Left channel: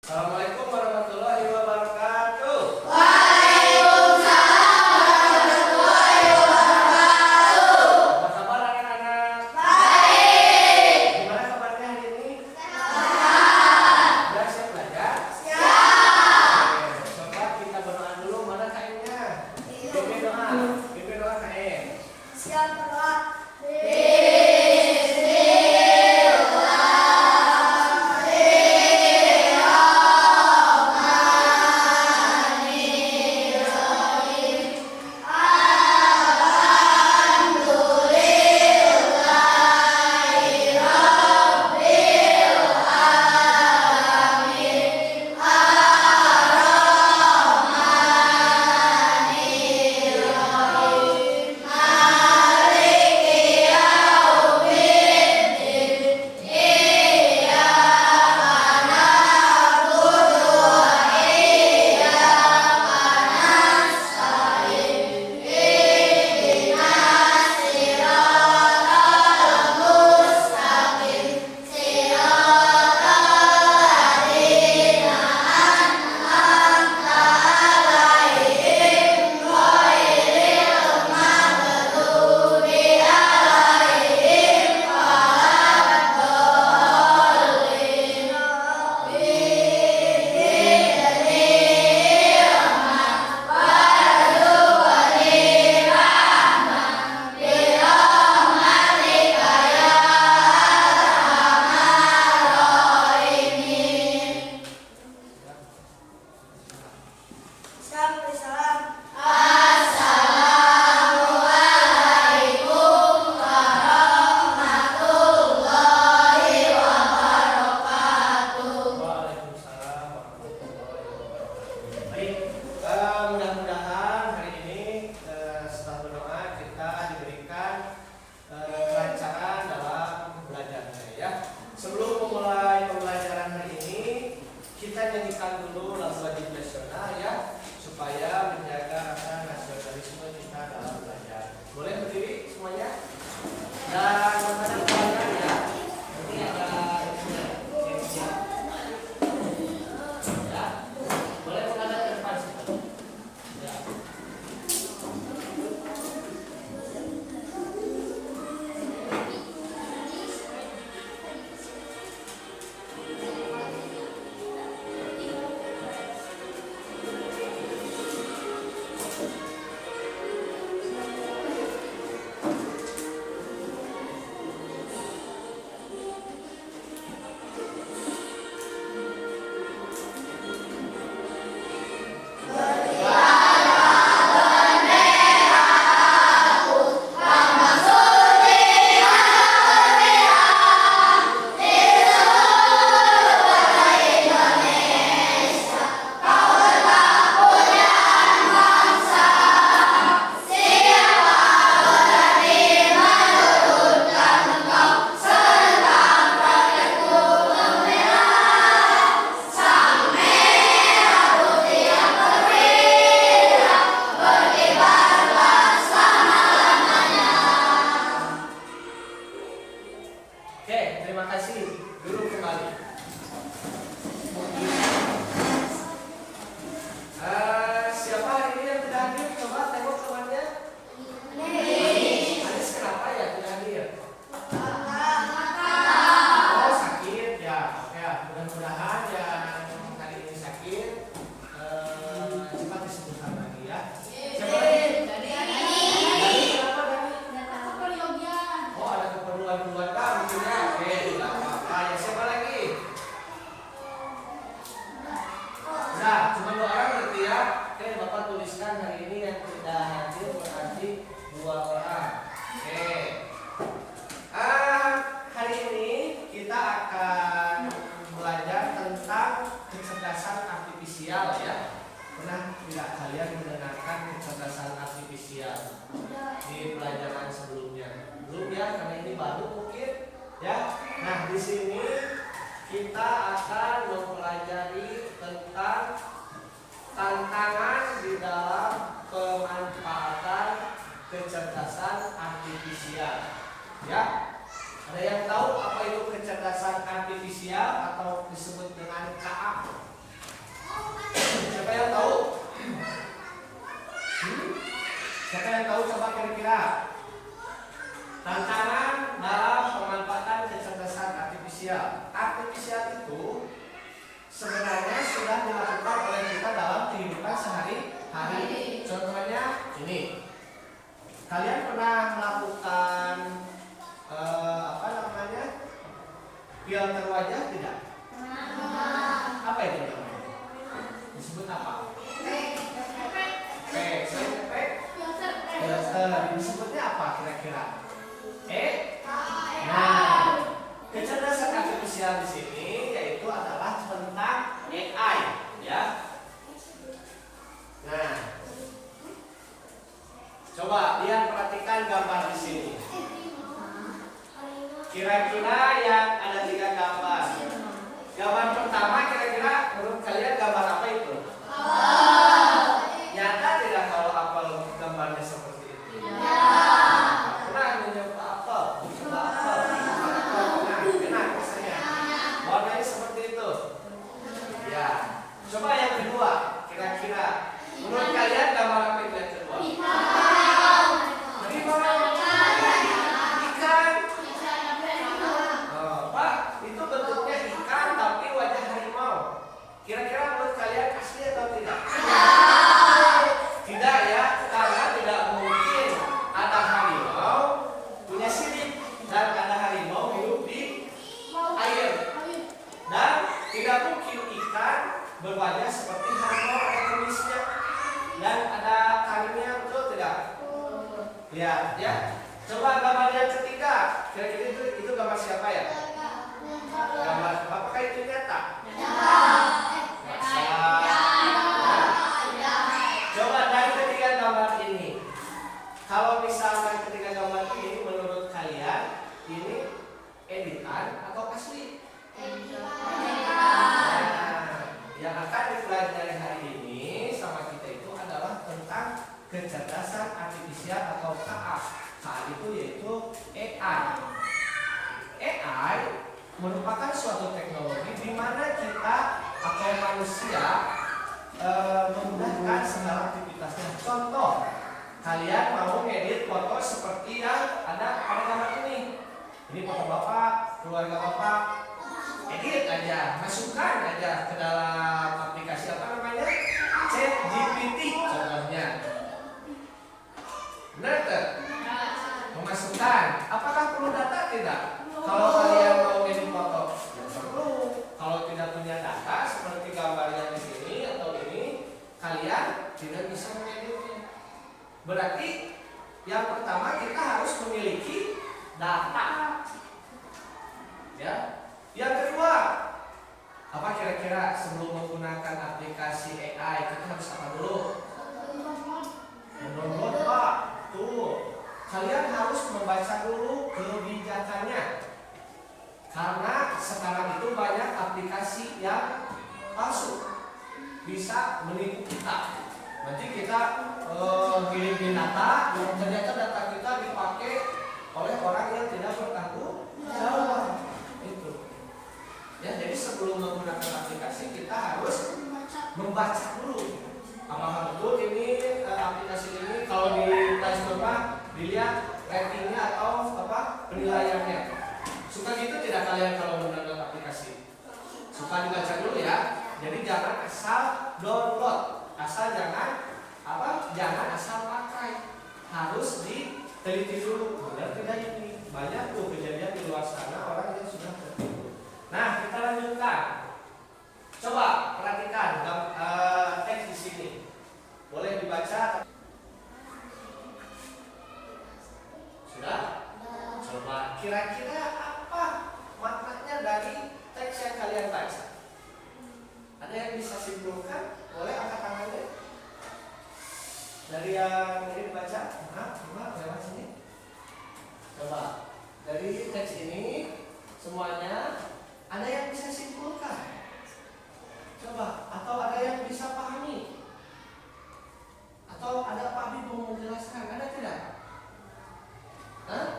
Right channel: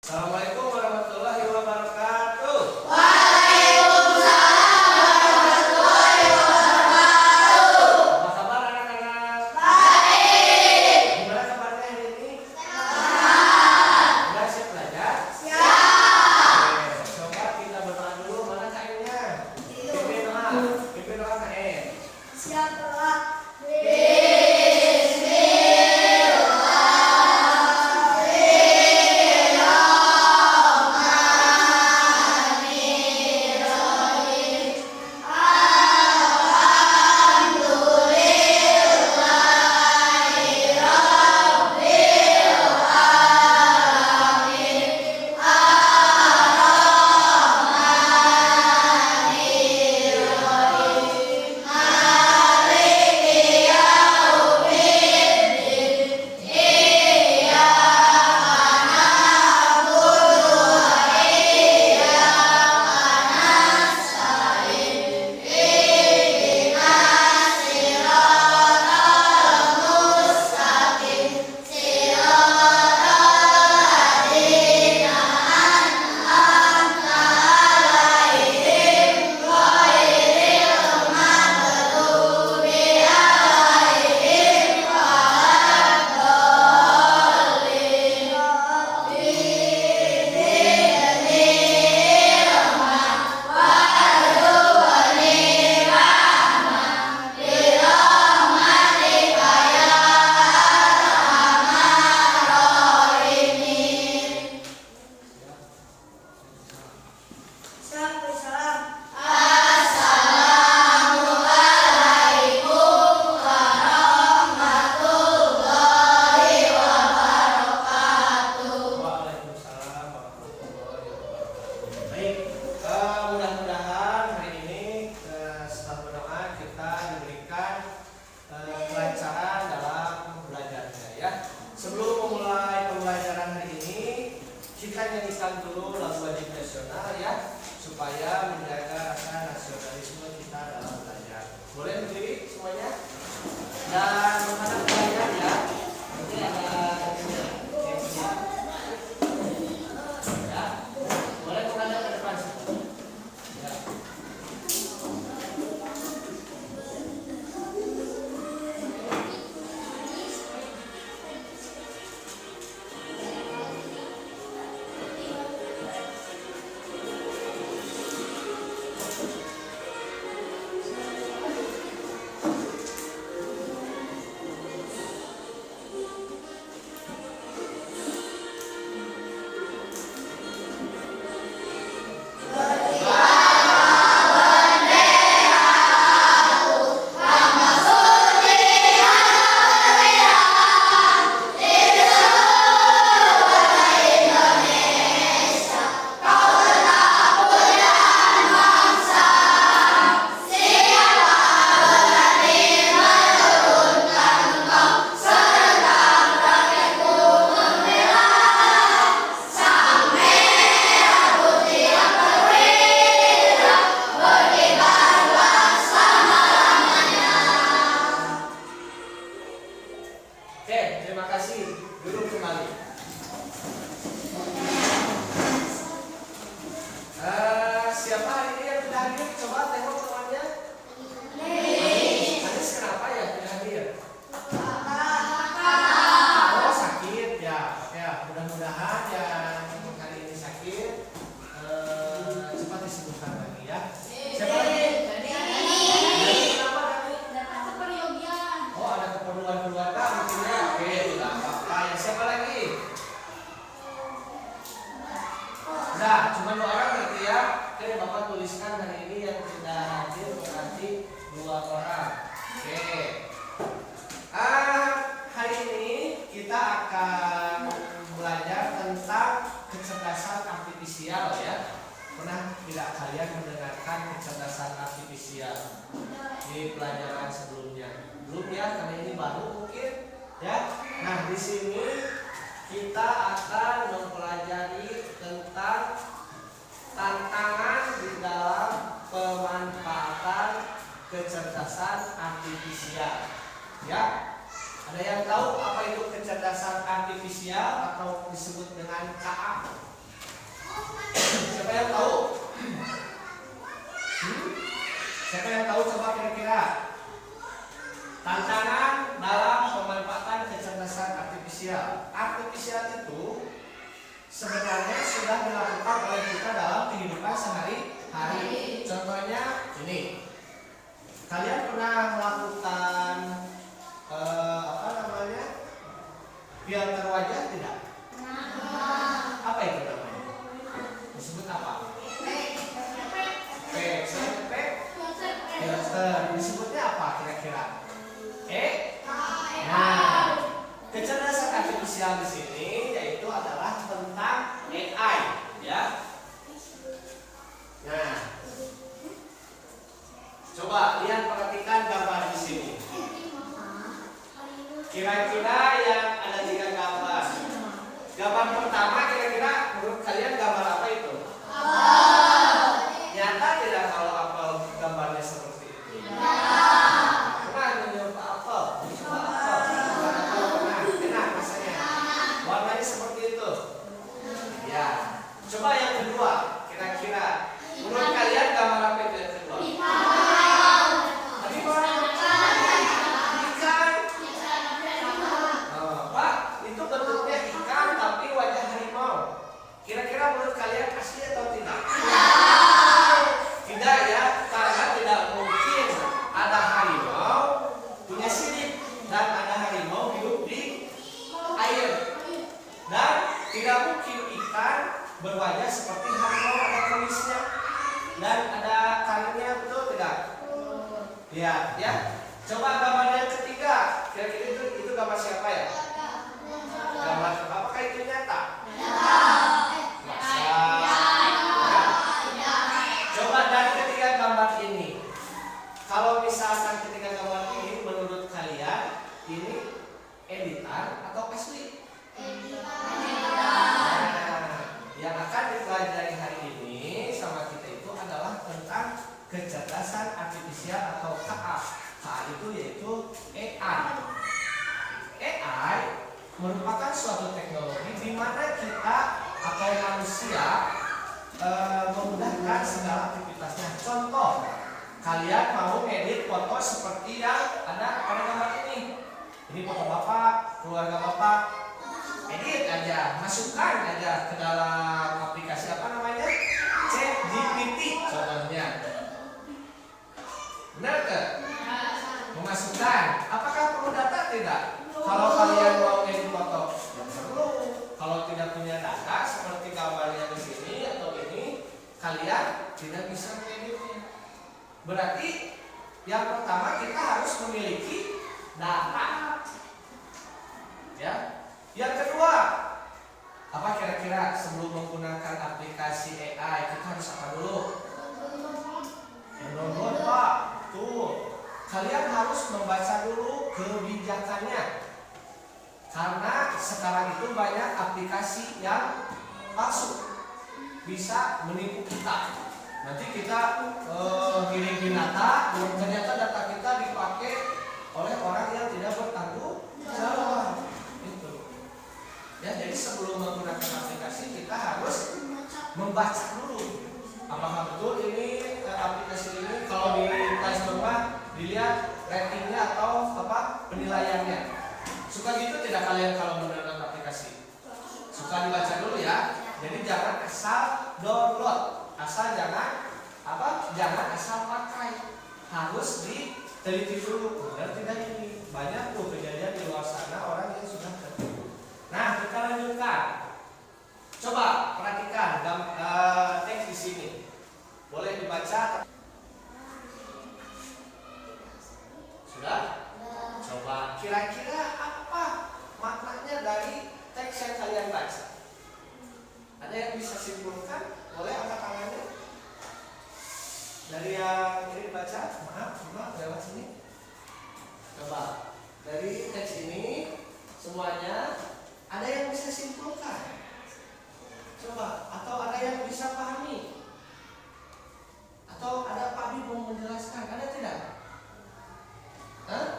Assalamualaikum warahmatullahi wabarakatuh. Waalaikumsalam warahmatullahi wabarakatuh. Apa kabar anak-anak? Baik. Gimana kabarnya hari ini? Sehat. Sudah siap belajar? Siap. Oke, coba kita berdoa dulu. Mana kainnya? Pimpin doa. Pimpin doa kain. Siap berdoa. Waalaikumsalam warahmatullahi wabarakatuh. Baik, mudah-mudahan hari ini setelah berdoa kita diberikan kelancaran dalam belajarnya ya. Sebelum memulai pembelajaran hari ini, kita nyanyikan dulu lagu wajib nasional ya, supaya menjaga rasa nasionalisme kita dalam belajar. Boleh berdiri semuanya? Dan menghadap kalian ya. Nanti ada ya. Boleh menghadap ke depan situ. Ya. Oke, terima kasih. Dulu kembali. Siapa hari ini yang tidak hadir? Coba tengok temannya. Anis kenapa ya tidak hadir? Oh sakit ya. Ya mudah-mudahan yang hari ini sakit cepat disembuhkan lagi ya. Siapa lagi? Dani kenapa Dani? Oh ada keperluan keluarga mungkin ya. Oke tidak apa-apa. Yang siapa lagi? Udah cuma 2 orang berarti ya. Oke Bapak tuliskan hari ini yang tidak hadir berarti 2 orang. Oke. Hari ini kita akan belajar tentang kecerdasan artifisial ya. Pernah tidak kalian mendengarkan kecerdasan artifisial di pelajaran sebelumnya? Belum ya, karena ini baru mungkin ya. Nah, di sini kita akan mempelajari tentang tantangan di dalam pemanfaatan kecerdasan artifisial. Ya, ada yang tahu apa itu kecerdasan artifisial atau disebut dengan KA? tahu coba kira-kira tantangan dalam pemanfaatan kecerdasan artifisial. Artifisial itu sebenarnya sudah dilakukan oleh kita dalam kehidupan sehari-hari. Contohnya ini, kalian pernah melakukan filter wajah tidak? Apa itu namanya? Disebut apa? Filter. Disebutnya apa kira-kira? Nah, kecerdasan artifisial di sini yaitu adalah tentang AI, ya. Nah, coba lihat, perhatikan gambar di sini. Kira-kira yang ada 3 gambar. Gambar pertama kira-kira menurut kalian gambar apa itu? Nyata tidak kalau apel gambarnya seperti itu? Pernah mencoba apel? Mencoba apel? Pernah? Enak rasanya? Warnanya seperti itu? Ya. Coba yang kedua, kira-kira menurut kalian gambar apa itu yang kedua? Kira-kira menurut kalian asli atau tidak? Tidak ya, karena tidak mungkin ada harimau punya sirip dan ada harimau hidup di air, dan tidak mungkin ikan berwajah seperti harimau ada kumisnya dan ada karirnya, betul tidak? Ya, ya. Coba gambar yang ketiga, kira-kira itu gambar siapa ya? Gambar apakah itu nyata? Gambar ini, kalau misalkan ketika gambar ini menurut kalian ini editan atau asli? Nah, yang akan dipelajari hari ini sama kita itu adalah tentang kecerdasan artifisial atau KA. KA itu yaitu AI. AI merupakan suatu teknologi di mana kita atau manusia memudahkan segala aktivitasnya. Contoh, kalian mau ngedit foto seperti yang ada pada gambar ini. Ini foto bapak, keluarga bapak. Edit aja, masukkan aja ke dalam aplikasi apa namanya? ChatGPT contohnya. Benar kan? Memasukkan. Apakah perlu data? Tidak. Kalau kalian mau ngedit foto, ya perlu. Kalau tidak punya data seperti gambarnya di sini atau ini, kalian tidak bisa mengeditnya. Berarti yang pertama kita harus memiliki data. Ya. Yang kedua, apa kira-kira sebelum menggunakan aplikasi AI kita harus apa dulu? Mendownload, Pak. Tuh. Kalian harus membaca dulu kebijakannya. Karena sekarang itu banyak aplikasi yang palsu, bisa menipu kita. Nanti kita kirim data, dan ternyata data kita dipakai oleh orang yang tidak bertanggung jawab. Itu. Ya, jadi sebelum menggunakan aplikasi kita harus membaca dulu. Apakah betul ini aplikasi ini kalau di Play Store dilihat ratingnya atau apa penilaiannya. Suka gitu tidak kalian kalau mendownload aplikasi? Suka dibaca dulu ya. Jadi jangan asal download, asal jangan asal pakai. Harus diteliti dulu. Benar tidak ini? Banyak tuh kejadian di luar sana orang yang sudah tertipu. Nah, kita lanjutkan. Coba perhatikan teks di sini. Boleh dibaca? Sudah? Coba kira-kira apa maknanya dari teks yang kalian baca? Ada yang bisa simpulkan? Boleh angkat tangannya? Dari yang ini dibaca? Maaf, lewat sini. Coba dari teks ini semuanya ada yang bisa simpulkan? Coba, atau ada yang bisa pahami? Atau ada Pak Abi mau menjelaskan? Ada tidak?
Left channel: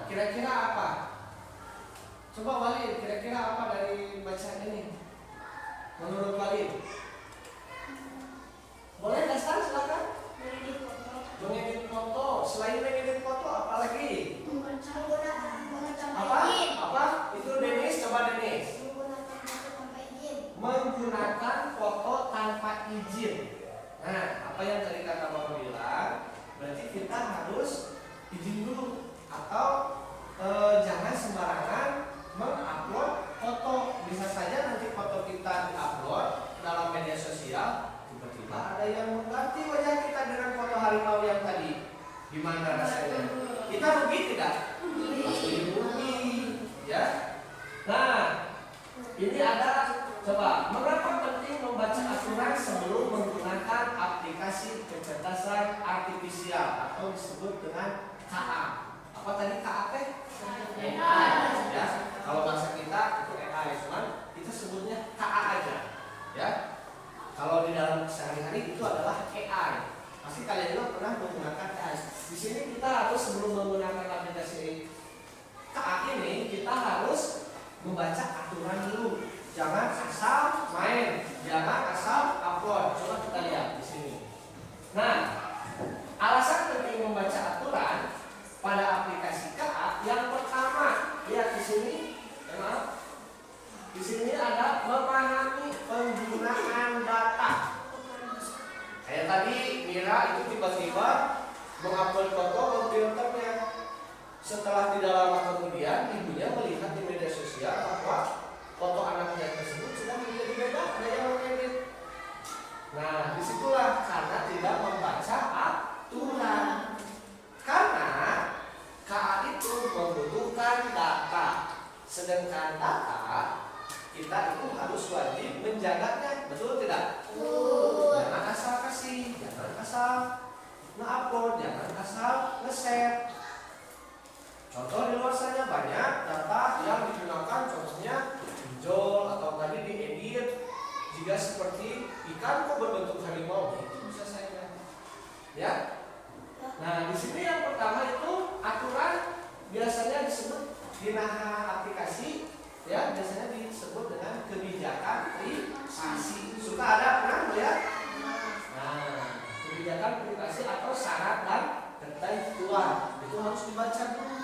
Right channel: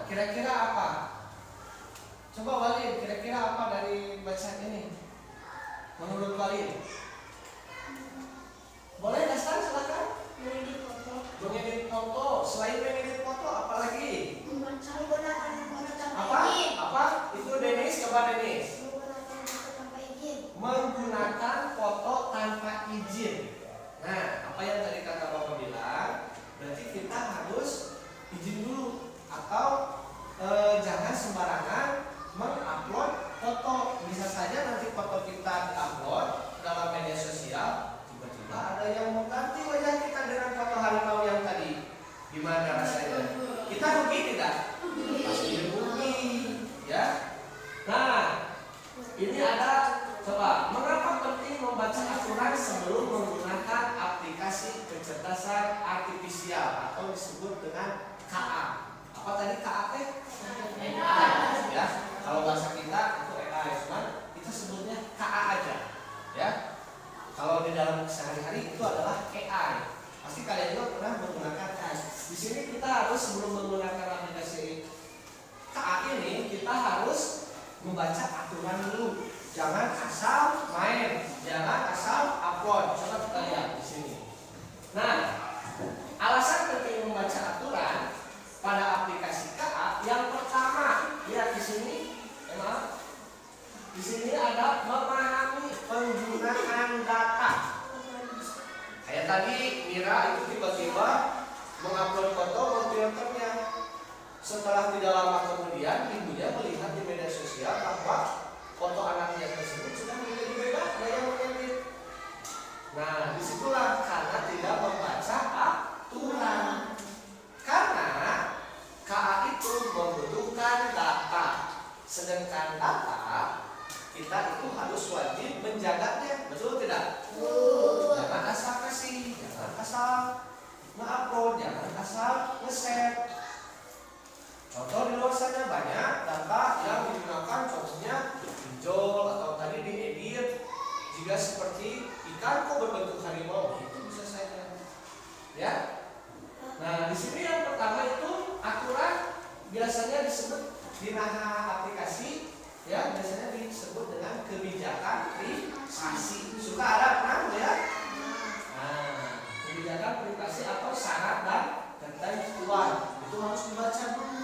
Kira-kira apa? Coba Walid, kira-kira apa dari bacaan ini? Menurut Walid? Boleh Dastan silakan. Mengedit foto. Selain izin. Nah, apa yang tadi kata Bapak bilang, berarti kita harus izin dulu atau jangan sembarangan mengupload foto. Bisa saja nanti foto kita diupload dalam media sosial, tiba-tiba ada yang mengganti wajah kita dengan foto harimau yang tadi. Gimana rasanya? Kita rugi tidak? Pasti rugi, ya. Nah, ini ada, coba, mengapa penting membaca aturan sebelum menggunakan aplikasi kecerdasan artifisial atau disebut dengan KA? Apa tadi KA teh? AI, ya. Kalau bahasa kita itu AI, cuman kita sebutnya KA aja, ya. Kalau di dalam sehari-hari itu adalah AI. Pasti kalian juga pernah menggunakan AI. Di sini kita harus sebelum menggunakan aplikasi KA ini kita harus membaca aturan dulu. Jangan asal main, jangan asal upload. Coba kita lihat di sini. Nah, alasan penting membaca aturan pada aplikasi KA yang pertama, lihat di sini, ya, di sini ada memahami penggunaan data. Kayak tadi Mira itu tiba-tiba mengupload foto memfilternya. Setelah tidak lama kemudian ibunya melihat di media sosial bahwa foto anaknya tersebut sudah menjadi bebas dari yang mengedit. Nah, disitulah karena tidak membaca aturan. Karena KA itu membutuhkan data, sedangkan data kita itu harus wajib menjaganya, betul tidak? Jangan asal kasih, jangan asal nge-upload, jangan asal nge-share. Contoh di luar sana banyak data yang digunakan, contohnya pinjol atau tadi diedit jika seperti ikan kok berbentuk harimau, itu bisa saya, ya. Nah, di sini yang pertama itu aturan biasanya disebut di aplikasi, ya, biasanya disebut dengan kebijakan privasi. Suka ada pernah melihat? Nah, kebijakan privasi atau syarat dan ketentuan itu harus dibaca dulu.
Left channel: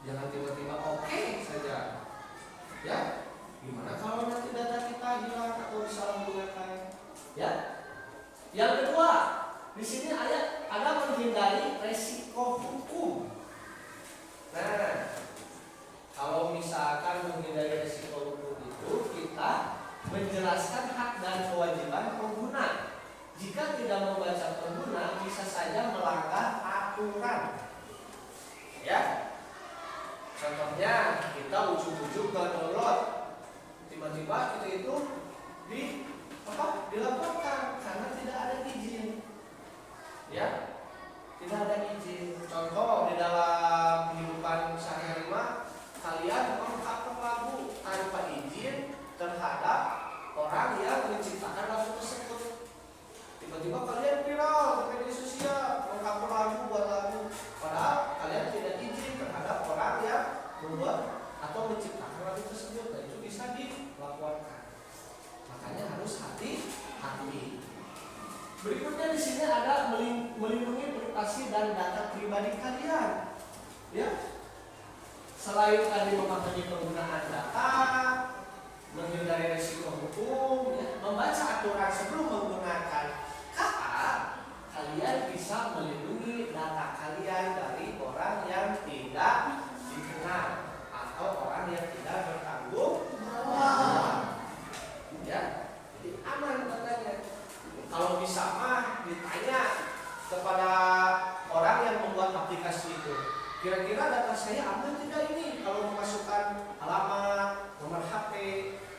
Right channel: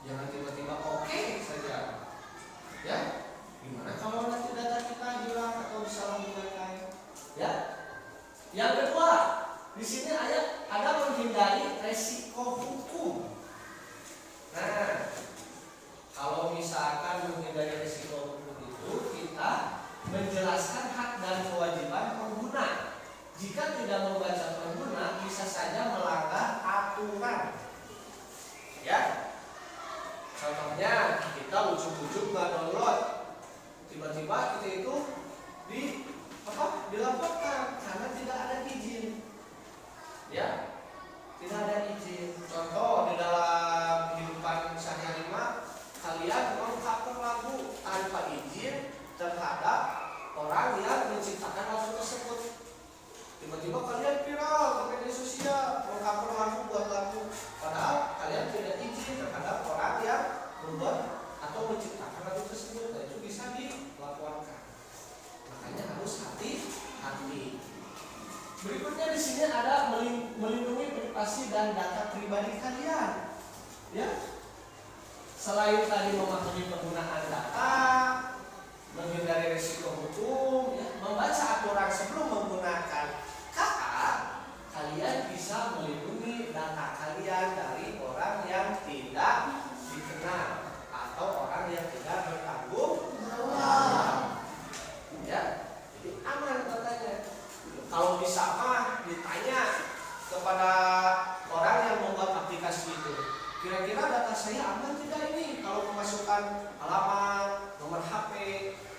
Jangan tiba-tiba oke saja, ya. Gimana kalau nanti data kita hilang atau disalahgunakan, ya? Yang kedua, di sini ada menghindari resiko hukum. Nah, kalau misalkan menghindari resiko hukum itu kita menjelaskan hak dan kewajiban pengguna. Jika tidak membaca pengguna, bisa saja melanggar aturan, ya. Contohnya kita ujuk-ujuk download, tiba-tiba kita itu dilaporkan karena tidak ada izin, ya, tidak ada izin. Contoh di dalam kehidupan sehari-hari kalian mengcover lagu tanpa izin terhadap orang yang menciptakan lagu tersebut. Tiba-tiba kalian viral di media sosial mengcover lagu buat lagu, padahal kalian tidak izin terhadap orang yang membuat atau menciptakan lagu tersebut. Nah, itu bisa dilaporkan. Makanya harus hati-hati. Berikutnya di sini ada melindungi privasi dan data pribadi kalian, ya. Selain tadi memahami penggunaan data, menghindari risiko hukum, ya, membaca aturan sebelum menggunakan KA, kalian bisa melindungi data kalian dari orang yang tidak dikenal atau orang yang tidak bertanggung jawab, ya. Jadi aman katanya. Kalau bisa mah ditanya kepada orang yang membuat aplikasi itu, kira-kira data saya aman tidak ini kalau memasukkan alamat, nomor HP,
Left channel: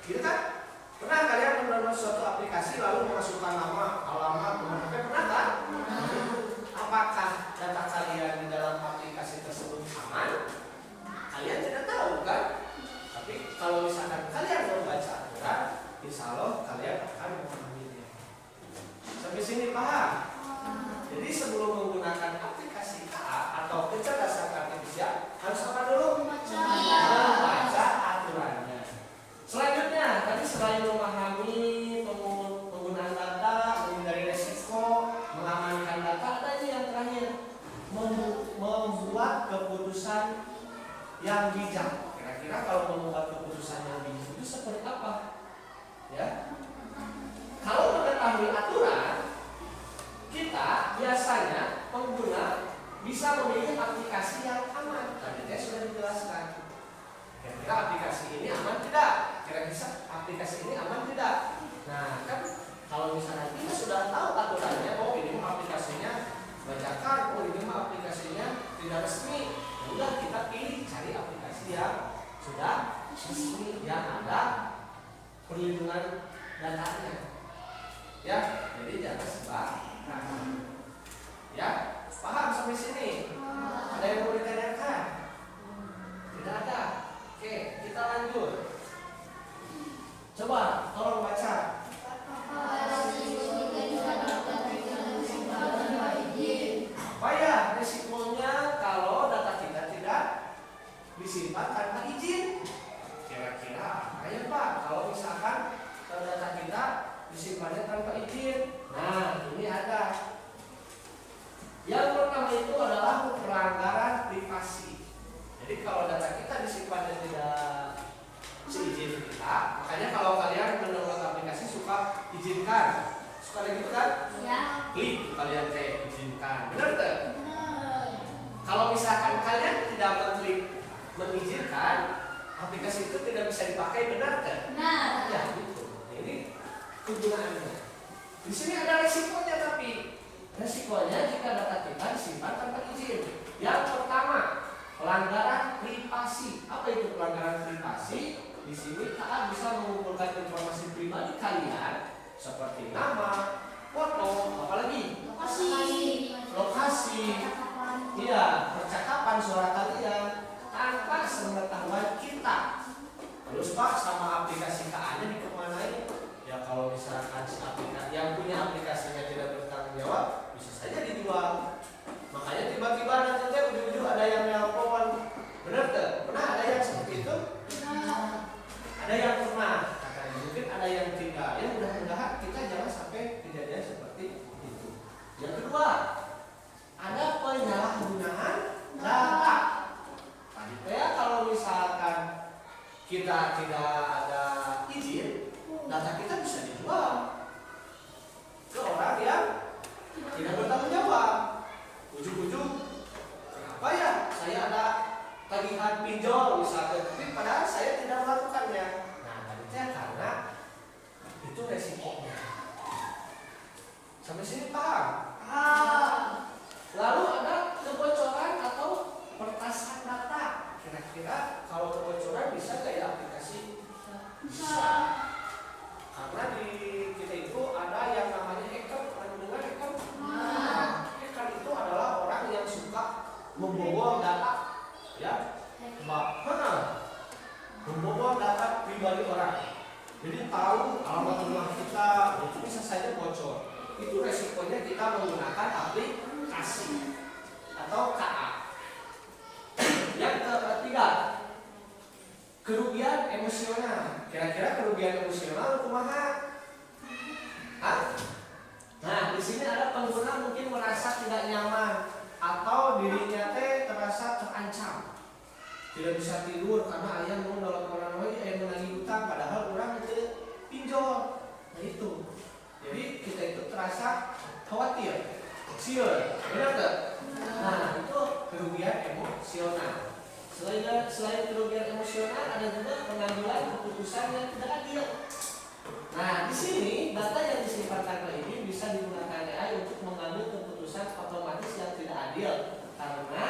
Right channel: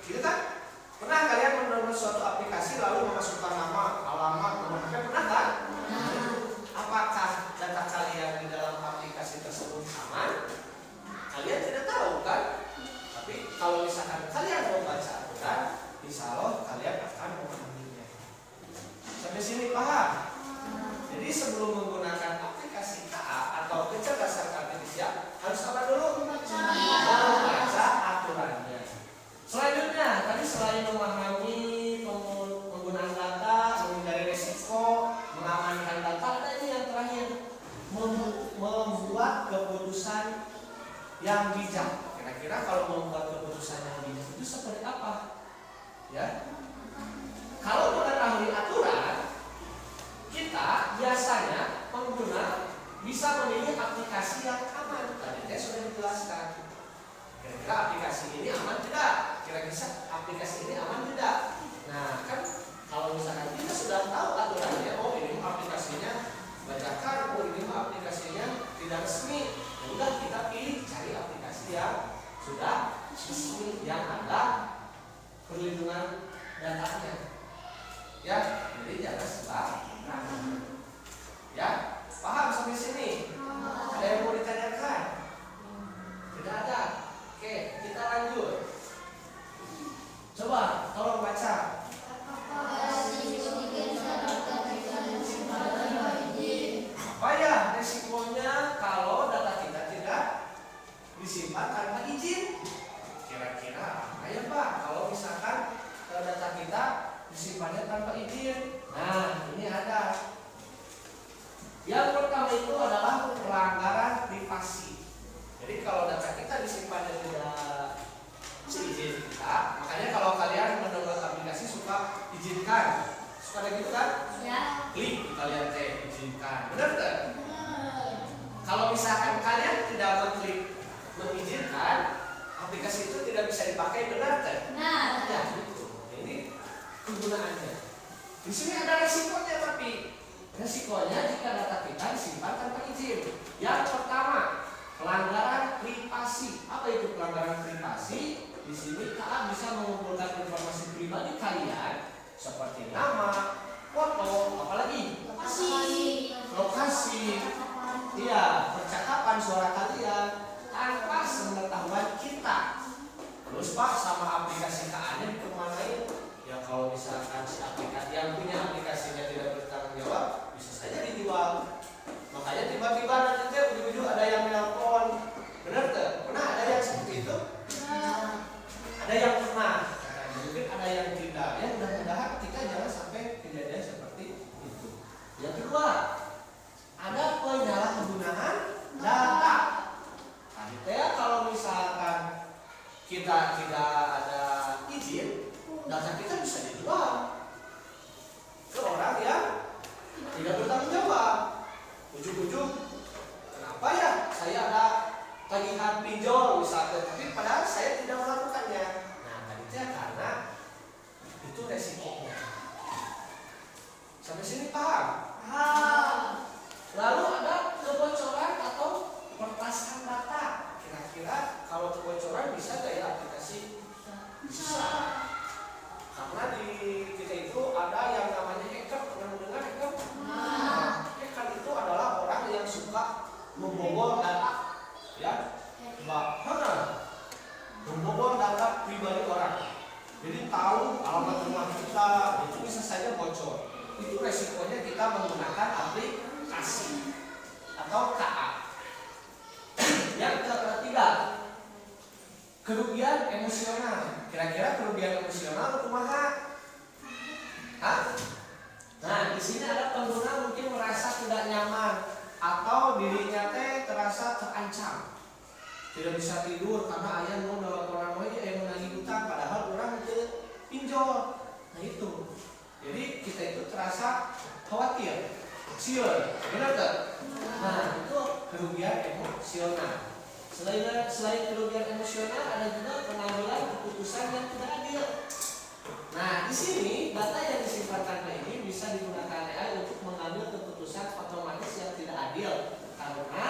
gitu kan? Pernah kalian mendownload suatu aplikasi lalu memasukkan nama, alamat, nomor HP, pernah kan? Apakah data kalian di dalam aplikasi tersebut aman? Kalian tidak tahu kan? Tapi kalau misalkan kalian membaca aturan, insya Allah kalian akan memahaminya. Sampai sini paham? Jadi sebelum menggunakan aplikasi KA atau kecerdasan artifisial harus apa dulu? Membaca aturannya. Selanjutnya, tadi selain memahami penggunaan data, menghindari resiko, mengamankan data, ada ini yang terakhir, membuat keputusan yang bijak. Kira-kira kalau membuat keputusan yang bijak itu seperti apa? Ya, kalau mengetahui aturan Ya, jadi jangan sembarangan. Ya, paham sampai sini? Ada yang mau ditanyakan? Tidak ada. Oke, kita lanjut. Coba tolong baca. Apa ya resikonya kalau data kita tidak disimpan tanpa izin? Kira-kira apa ya Pak kalau misalkan data kita disimpannya tanpa izin? Nah, ini ada. Yang pertama itu adalah pelanggaran privasi. Jadi kalau data kita disimpannya tidak seizin kita, makanya kalau kalian mendownload aplikasi suka izinkan, suka kayak gitu kan? Ya. Klik kalian izinkan, benar tak? Kalau misalkan kalian tidak mengklik mengizinkan, aplikasi itu tidak bisa dipakai, benar tak? Benar. Ya, gitu. Ini kegunaannya. Di sini ada resikonya, tapi resikonya jika data kita disimpan tanpa izin. Yang pertama, pelanggaran privasi. Apa itu pelanggaran privasi? Di sini kalian bisa mengumpulkan informasi pribadi kalian seperti nama, foto, apalagi lokasi, iya, percakapan suara kalian tanpa sepengetahuan kita. Terus Pak, sama aplikasi KA-nya dikemanain? Ya kalau misalkan si aplikasi yang punya aplikasinya tidak bertanggung jawab, bisa saja dijual. Makanya tiba-tiba nanti ujung-ujung ada yang nelpon, bener tuh? Pernah ada yang seperti itu? Ada yang pernah, mungkin ada yang tidak. Ya mudah-mudahan kita jangan sampai kejadian seperti itu. Yang kedua, ada penyalahgunaan data. Tadi ya kalau misalkan kita tidak ada izin, data kita bisa dijual ke orang yang tidak bertanggung jawab. Ujung-ujung, kenapa ya saya ada tagihan pinjol misalnya, tapi padahal saya tidak melakukannya. Nah, tadi karena itu resikonya. Sampai sini paham? Lalu ada kebocoran atau pertasan data. Kira-kira kalau kebocoran bisa nggak ya aplikasi? Bisa. Karena di kita itu ada yang namanya hacker. Pernah dengar hacker? Hacker itu adalah orang yang suka membobol data, ya, membobol data pribadi orang. Jadi tahu alamat rumah kita, itu bisa saja bocor. Itu resikonya kita menggunakan aplikasi atau KA. Yang ketiga, kerugian emosional. Kira-kira kerugian emosional kumaha? Hah? Nah, di sini ada pengguna mungkin merasa tidak nyaman atau dirinya terasa terancam. Tidak bisa tidur karena ayah mau nelponan wae aya menagih utang padahal orang itu pinjol. Nah itu. Jadi kita itu terasa khawatir, sieur, benar tak? Nah, itu kerugian emosional. Selain kerugian emosional ada juga pengambilan keputusan yang tidak adil. Nah, di sini data yang disimpan tanpa izin bisa digunakan AI untuk mengambil keputusan otomatis yang tidak adil karena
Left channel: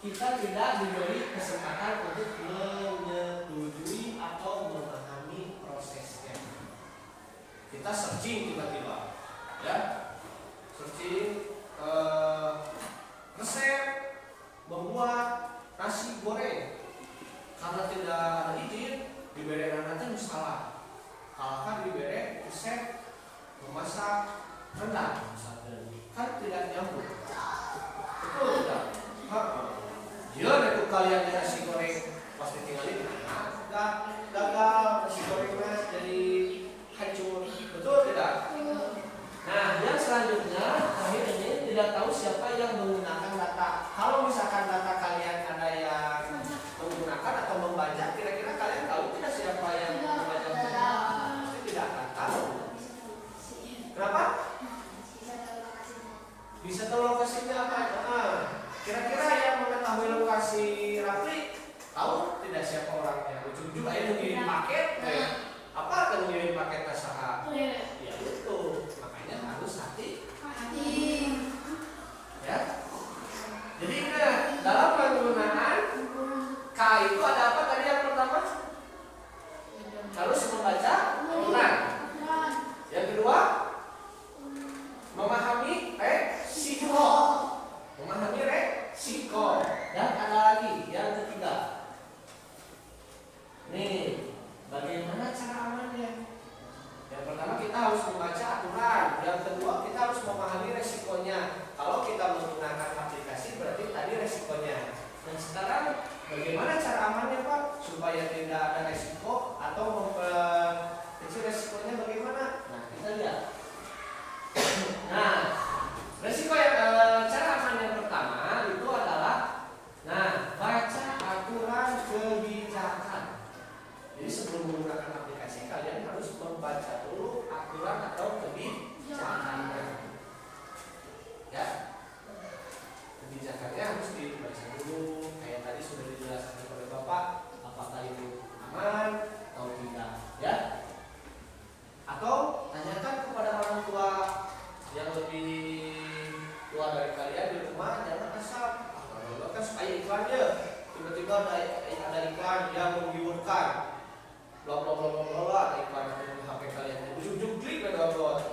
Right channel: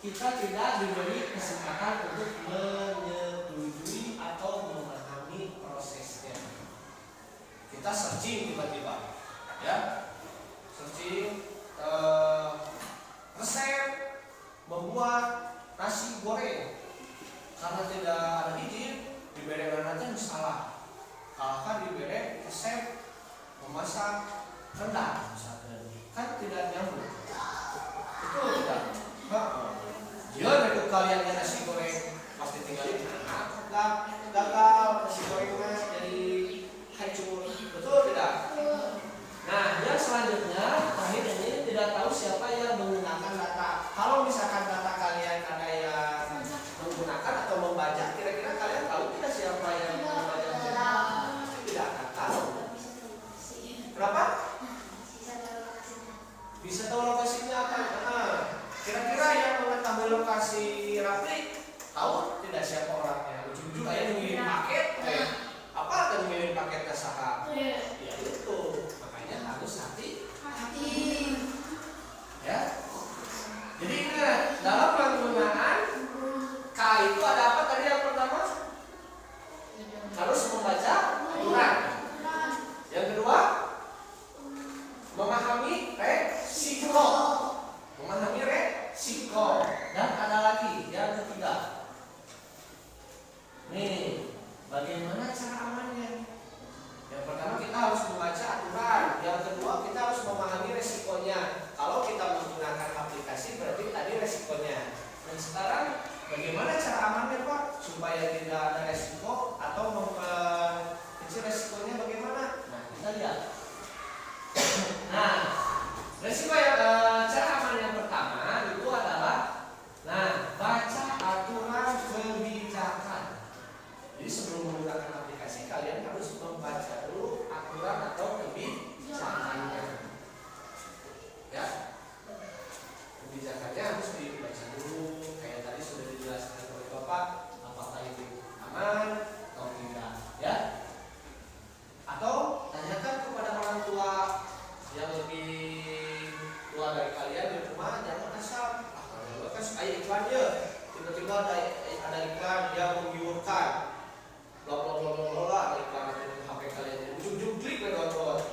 kita tidak diberi kesempatan untuk menyetujui atau memahami prosesnya. Kita searching tiba-tiba, ya, searching resep membuat nasi goreng karena tidak ada izin diberi nanti salah. Kalau diberi resep memasak rendang misalnya, kan tidak nyambung. Betul tidak? Dia itu kalian nasi goreng pasti tinggalin, gagal nasi goreng mas jadi hancur. Betul tidak? Nah, yang selanjutnya terakhir ini tidak tahu siapa yang menggunakan data. Kalau misalkan data kalian ada yang menggunakan atau membaca, kira-kira kalian tahu tidak siapa yang membaca? Tidak akan tahu. Kenapa? Bisa tahu lokasinya apa? Kira-kira yang mengetahui lokasi Rafli tahu tidak siapa orangnya? Ujung-ujung ayah mengirim paket, apa akan mengirim paket nasaha? Ya itu, makanya harus hati. Ya. resikonya. Dan sekarang bagaimana cara amannya Pak supaya tidak ada resiko atau memperkecil resikonya bagaimana? Nah kita lihat. Nah resiko yang cara aman yang pertama itu adalah baca aturan kebijakan. Jadi sebelum menggunakan aplikasi kalian harus membaca dulu aturan atau kebijakannya. Ya, kebijakannya harus dibaca dulu. Kayak tadi sudah dijelaskan oleh Bapak, apakah itu aman atau tidak, ya? Atau tanyakan kepada orang tua yang lebih tua dari kalian di rumah, jangan asal kalau kan supaya iklannya tiba-tiba ada iklan yang menggiurkan, bla bla bla bla bla, ada iklan di HP kalian, ujung-ujung klik ke download.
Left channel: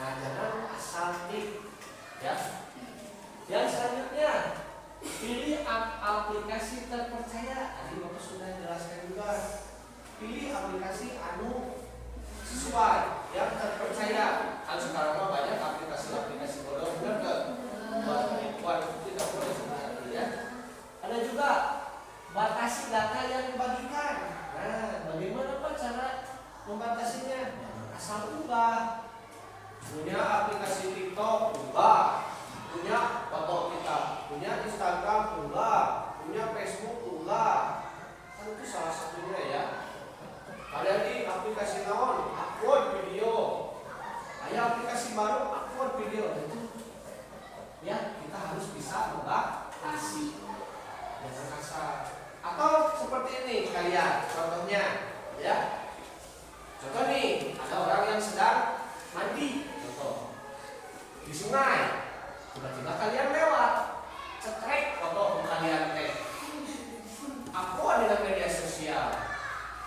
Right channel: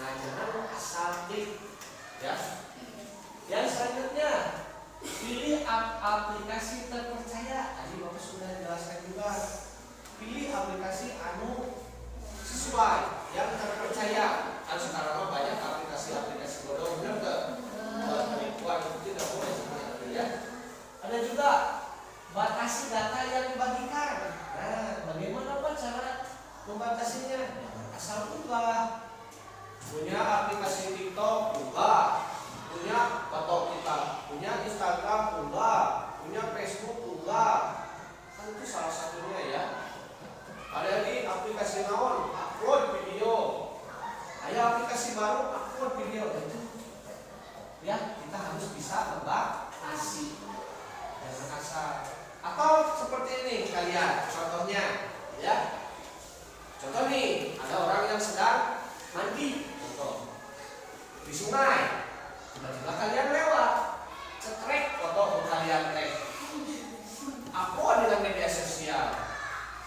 Nah jangan asal klik, ya. Yang selanjutnya pilih aplikasi terpercaya. Tadi Bapak sudah jelaskan juga. Pilih aplikasi sesuai yang terpercaya. Kan sekarang banyak aplikasi bodoh, benar nggak? Kalau penipuan itu tidak boleh sebenarnya, ya. Ada juga batasi data yang dibagikan. Nah, bagaimana Pak cara membatasinya? Asal ubah. Punya aplikasi TikTok, ubah. Punya foto kita, punya Instagram, ubah. Punya Facebook, ubah. Kan itu salah satunya, ya. Ada di aplikasi naon, upload video. Ada aplikasi baru, upload video. Itu, ya, kita harus bisa membatasi. Jangan asal. Atau seperti ini kalian, contohnya, ya. Contoh nih, ada orang yang sedang mandi, contoh di sungai. Tiba-tiba kalian lewat, cekrek foto kalian upload dengan media sosial.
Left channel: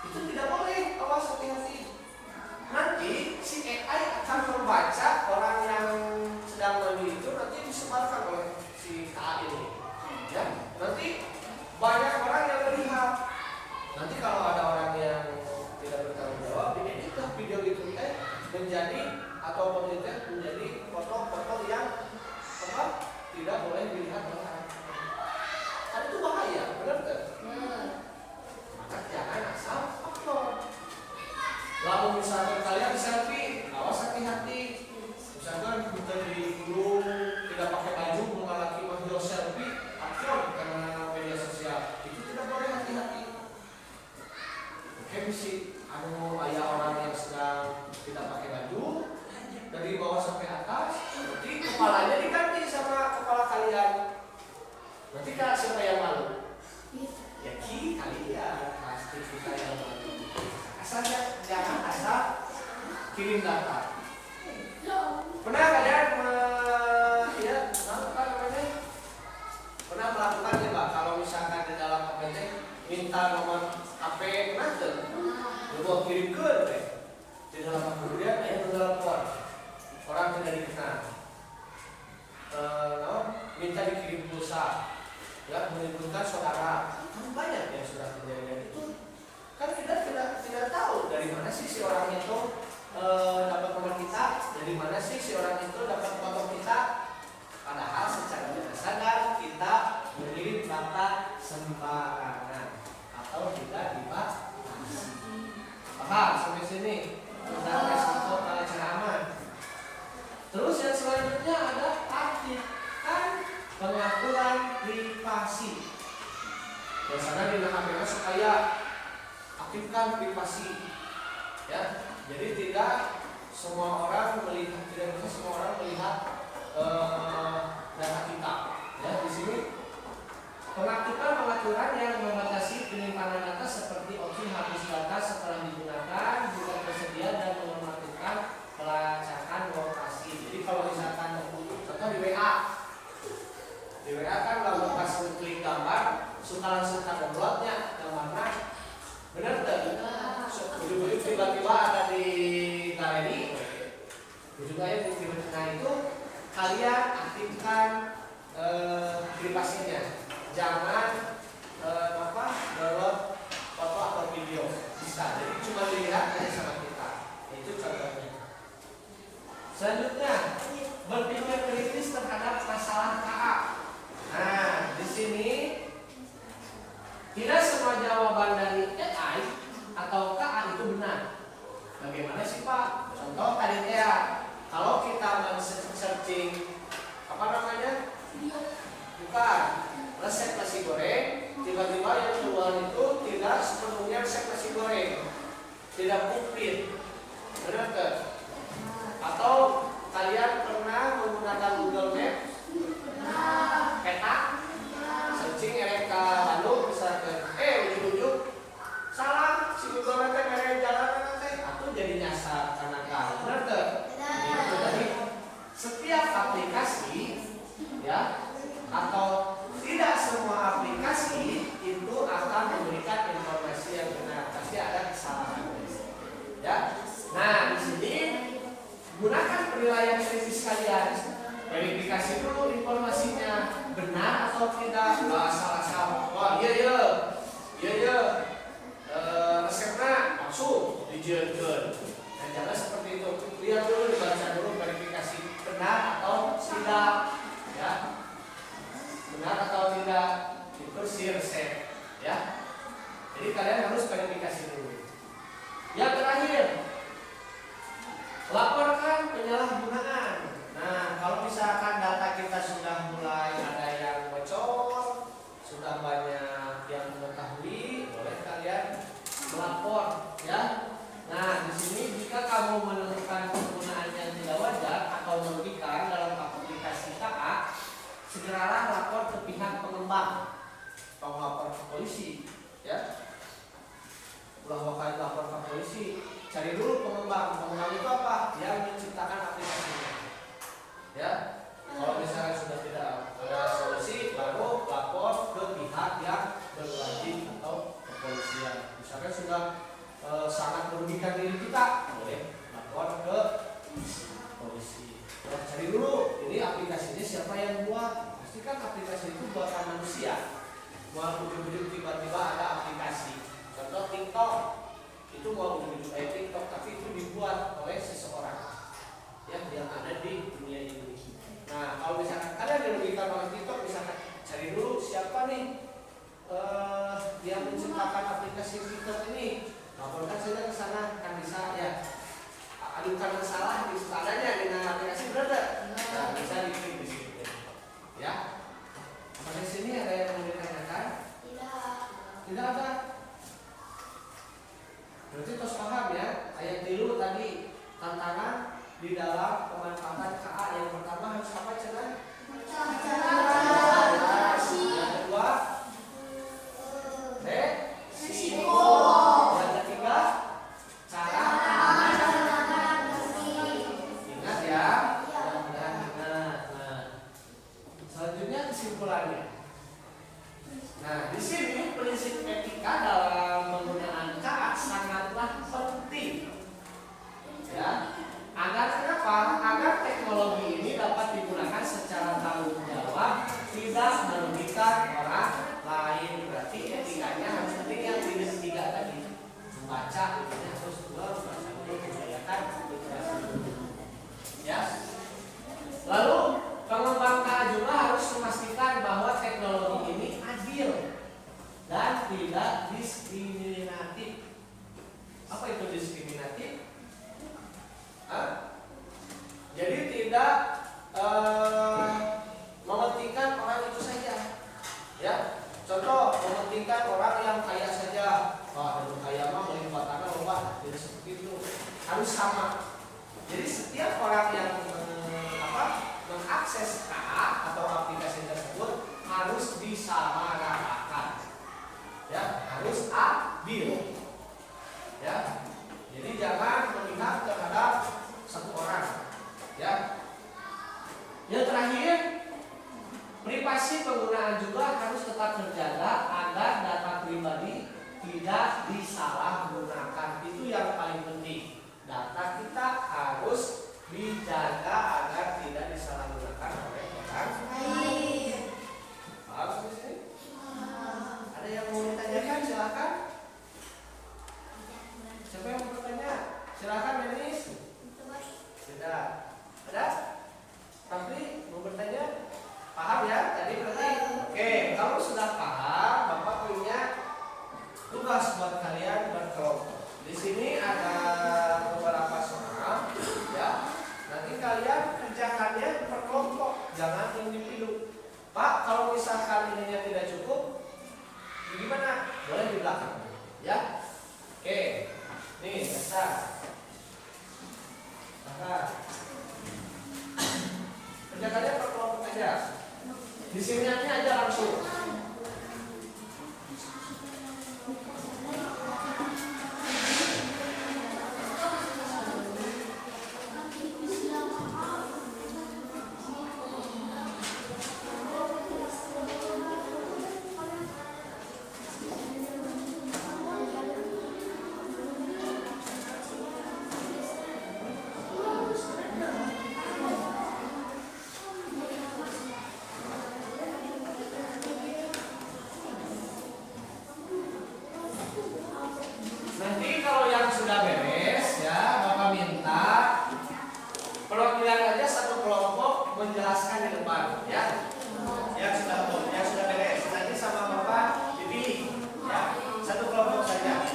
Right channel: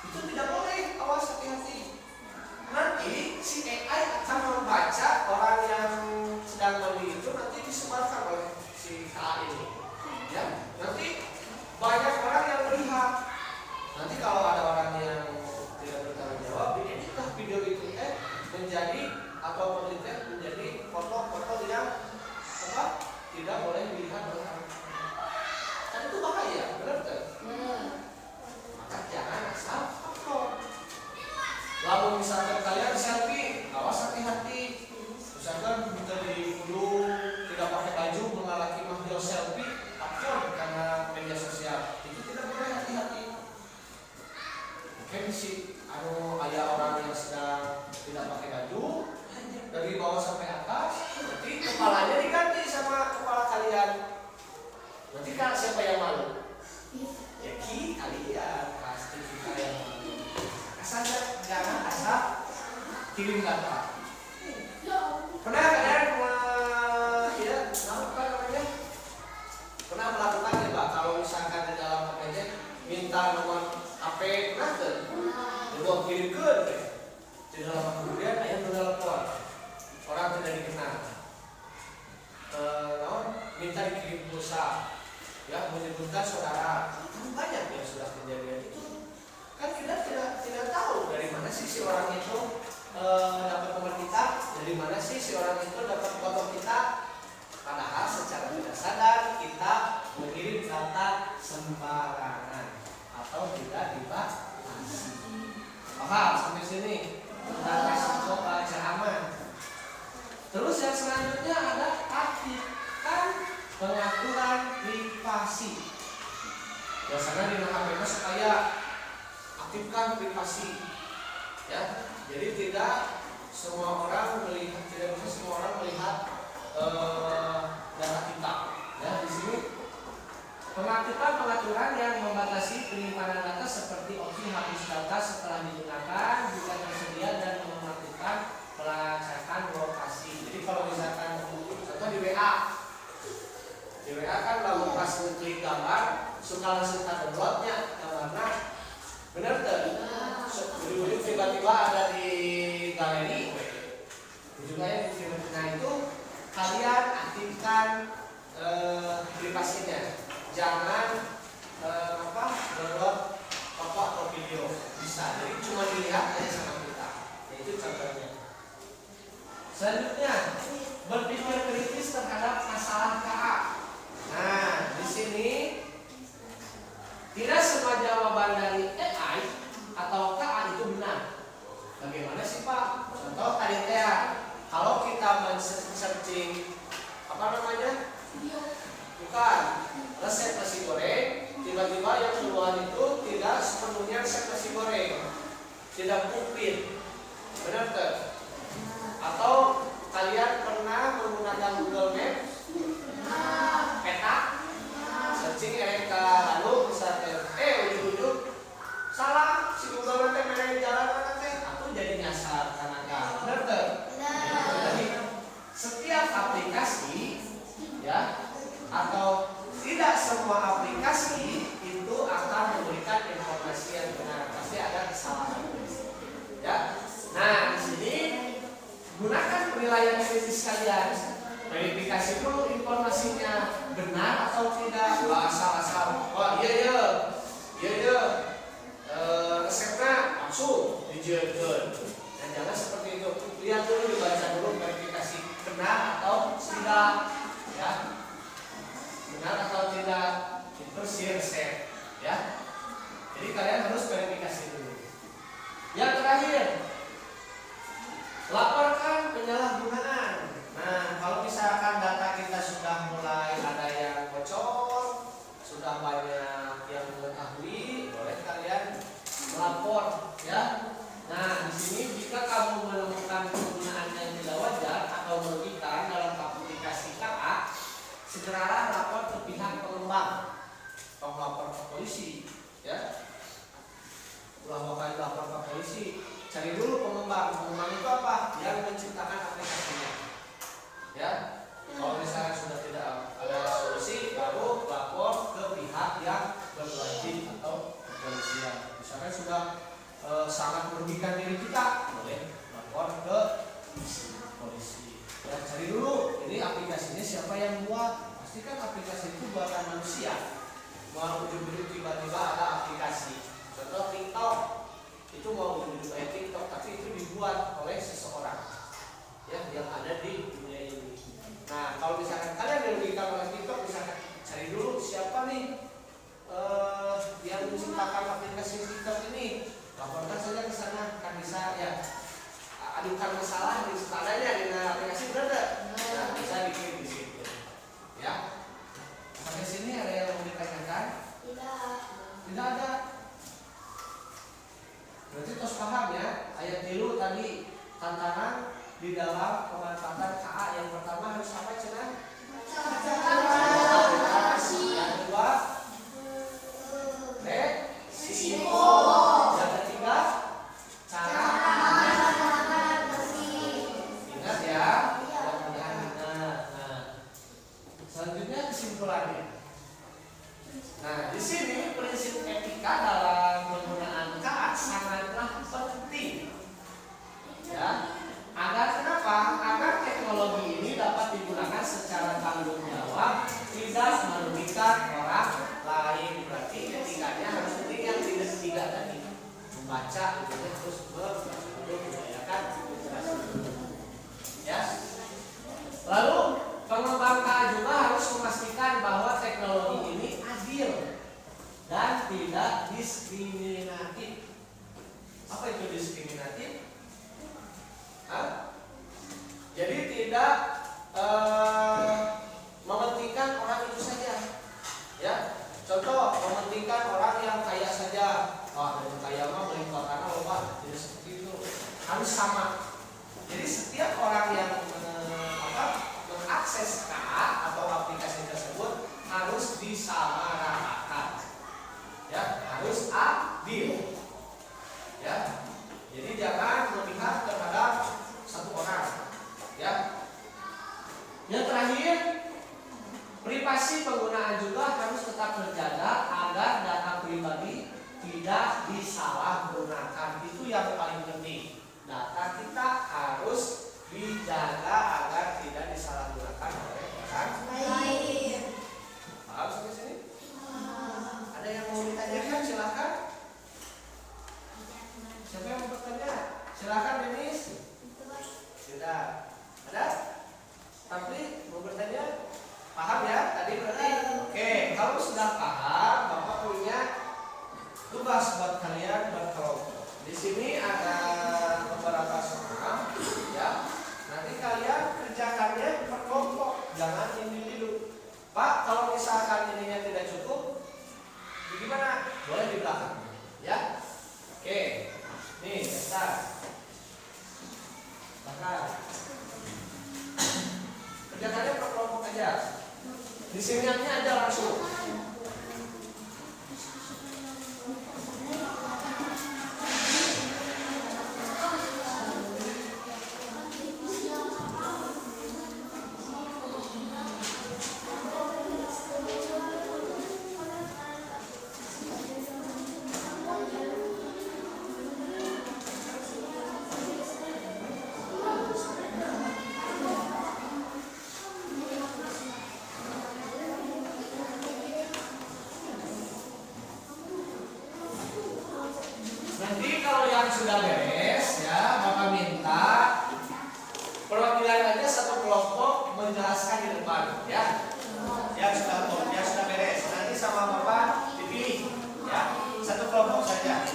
Itu tidak boleh, awas hati-hati. Nanti si AI akan membaca orang yang sedang mandi itu nanti disebarkan oleh si AI ini. Ya, nanti banyak orang yang melihat. Nanti kalau ada orang yang tidak bertanggung jawab, dieditlah video itu menjadi atau menjadi foto-foto yang tidak boleh dilihat oleh orang. Kan itu bahaya, benar kan? Maka jangan asal upload. Lalu misalkan kalian selfie, awas hati-hati. Misalkan kita di gunung tidak pakai baju mengalami mahjong selfie, upload karena media sosial. Itu tidak boleh, hati-hati. Mungkin si ayah orang yang sedang tidak pakai baju dari bawah sampai atas, nanti kepalanya diganti sama kepala kalian. Nanti kan siapa yang malu? Ya kalian, pasti kita yang malu. Asal jangan asal kirim data. Pernah kalian pernah melakukan ya Pak? Kalau misalkan di dalam APT minta nomor HP, pernah tuh? Coba kirimkan di dalam kemudian ayah telepon. Orang tidak dikenal, minta dikirim pulsa, ya menyebutkan saudara. Kan banyak yang sudah kejadian itu. Kan kita tidak tahu dari mana sih si orang itu dapat nomor kita, dari mana sih si orang itu dapat foto kita. Padahal secara tidak sadar kita mengirim data sembarangan atau tidak dibatasi. Paham sampai sini? Tidak resiko aman. Terus yang selanjutnya ada aktifkan pengaturan privasi. Biasanya di HP supaya aktifkan privasi, ya. Jadi tidak semua orang melihat, tidak bisa semua orang melihat data kita. Ya, di sini pengaktifan pengaturan yang membatasi penyimpanan data seperti opsi hapus data setelah digunakan juga tersedia dan menonaktifkan pelacakan lokasi. Jadi kalau misalkan contoh di WA kan kalau pas klik gambar suka langsung ke downloadnya gambarnya, benar tidak? Ujung-ujung tiba-tiba ada di galeri, ujungnya tiba-tiba itu kalian aktifkan privasinya. Jangan download foto atau video bisa. Jadi cuma dilihat aja sama kita. Itu contohnya. Selanjutnya, berpikir kritis terhadap masalah KA. Nah, di sini sini tidak semua jawaban dari AI atau KA itu benar. Bagaimana sih Pak? Contoh tadi ya, kalau kita men-searching apa namanya? Bukan resep nasi goreng, tiba-tiba yang keluar itu tidak sepenuhnya resep nasi goreng, tidak komplit, benar tuh? Atau kalian pernah menggunakan Google Maps? Peta? Searching mereka lalu misalnya, ujung-ujung salah si Google Maps mereka jalan nanti, atau jadi nyasar karena benar tuh? Jadi setiap aplikasi ya atau tidak semua aplikasi itu akan memberikan informasi yang benar, pasti ada kesalahan ya. Nah di sini gunakan penilaian kritis kalian, verifikasi dulu informasinya benar atau tidak, nggak asal-asal iya resepnya langsung dijalankan. Dan jangan seperti itu, lihat dulu, dibaca dulu, verifikasi benar atau tidak ya, benar atau tidak itu si resep ya. Jadi kalian harus verifikasi dulu. Yang terakhir, laporkan penyalahgunaan. Nah, kalau misalkan data kita sudah mulai ada yang bocor, sudah banyak yang mengetahui, boleh kalian melapor ya. Nah, di sini jika kamu menemukan penggunaan yang tidak wajar atau merugikan dalam aplikasi KA, segeralah lapor ke pihak pengembang atau lapor ke polisi ya. Beberapa kali lapor ke polisi, cari dulu pengembang itu apa? Yang menciptakan aplikasinya ya. Kalau misalnya sudah tidak ada solusi, baru lapor ke pihak yang berwajib atau kepolisian. Misalkan sudah sangat merugikan diri kita, boleh lapor ke polisi. Ya, cari dulu ini aplikasi ini siapa yang buat. Pastikan aplikasi itu buatan manusia. Mau ujung-ujung tiba-tiba ada aplikasi, contoh TikTok, itu mau ujung-ujung TikTok, tapi itu dibuat oleh seseorang ya yang ada di dunia ini. Nah, kalau misalkan kalian dirugikan oleh TikTok, misalkan cari dulu siapa nih yang menciptakan aplikasi TikTok ini, laporkan saja ke sana, kan bisa ya. Adukan masalah di standarnya dengan aplikasi berada. Nah, bisa diklik di situ. Ya. Sampai sini ada yang mau ditanyakan? Tidak ada. Berarti terus paham ya. Ayat tilu tadi tantangan di dalam pemanfaatan KA. Yang pertama harus apa cenah? Yang kedua resiko. Yang ketiga cara. Ingat ya. Mudah-mudahan ingat. Nah, selanjutnya kesimpulannya. Nah, di sini prinsip etika dalam penggunaan KA sangatlah penting. Ya. Agar kenapa? Agar teknologi ini dapat digunakan secara tanggung jawab, tidak merugikan orang lain. Berarti etikanya harus penting yang tiga tadi. Membaca, harus membudayakan literasi. Ya. Lalu pengembang KA juga harus memastikan bahwa teknologi ini adil dan tidak diskriminatif. Apa itu diskriminatif? Jadi tidak mementingkan orang itu saja. Ya, contoh mementingkan orang yang kaya saja. Wah, yang kaya mah melimpah tanah lupa. Tidak seperti itu. Harus sama. Jadi setiap orang yang mengakses KA atau aplikasi tersebut harus disamaratakan. Ya, harus adil. Ya. Jadi jangan memihak terhadap satu orang. Ya. Yang terakhir, privasi penggunaan juga harus tetap terjaga agar data pribadi tidak disalahgunakan. Itu yang paling penting. Data kita harus dijaga agar tidak disalahgunakan oleh orang lain. Paham sampai sini? Ada yang mau ditanyakan? Silakan. Siapa yang mau bertanya? Silakan, Denis. Tidak. Ada? Tapi mau bertanya? Paham ya? Tadi berarti oke, kalau sudah paham, Bapak punya tugas buat kalian berkelompok. Di sini ada beberapa soal, ya. Nanti kalian kerjakannya per kelompok, jangan individu. Pak, kalau misalkan ininya tidak cukup, gimana? Boleh di belakang, ya. Oke, nih daftar. Kerjakannya per kelompok aja. Di sini aja langsung. Nanti kalau yang sudah beres ya, Bapak minta perwakilan aja satu kelompok menjelaskan di depan ya. Yang sudah beres. Nanti sama Bapak dipilih ya. Satu kelompok saja.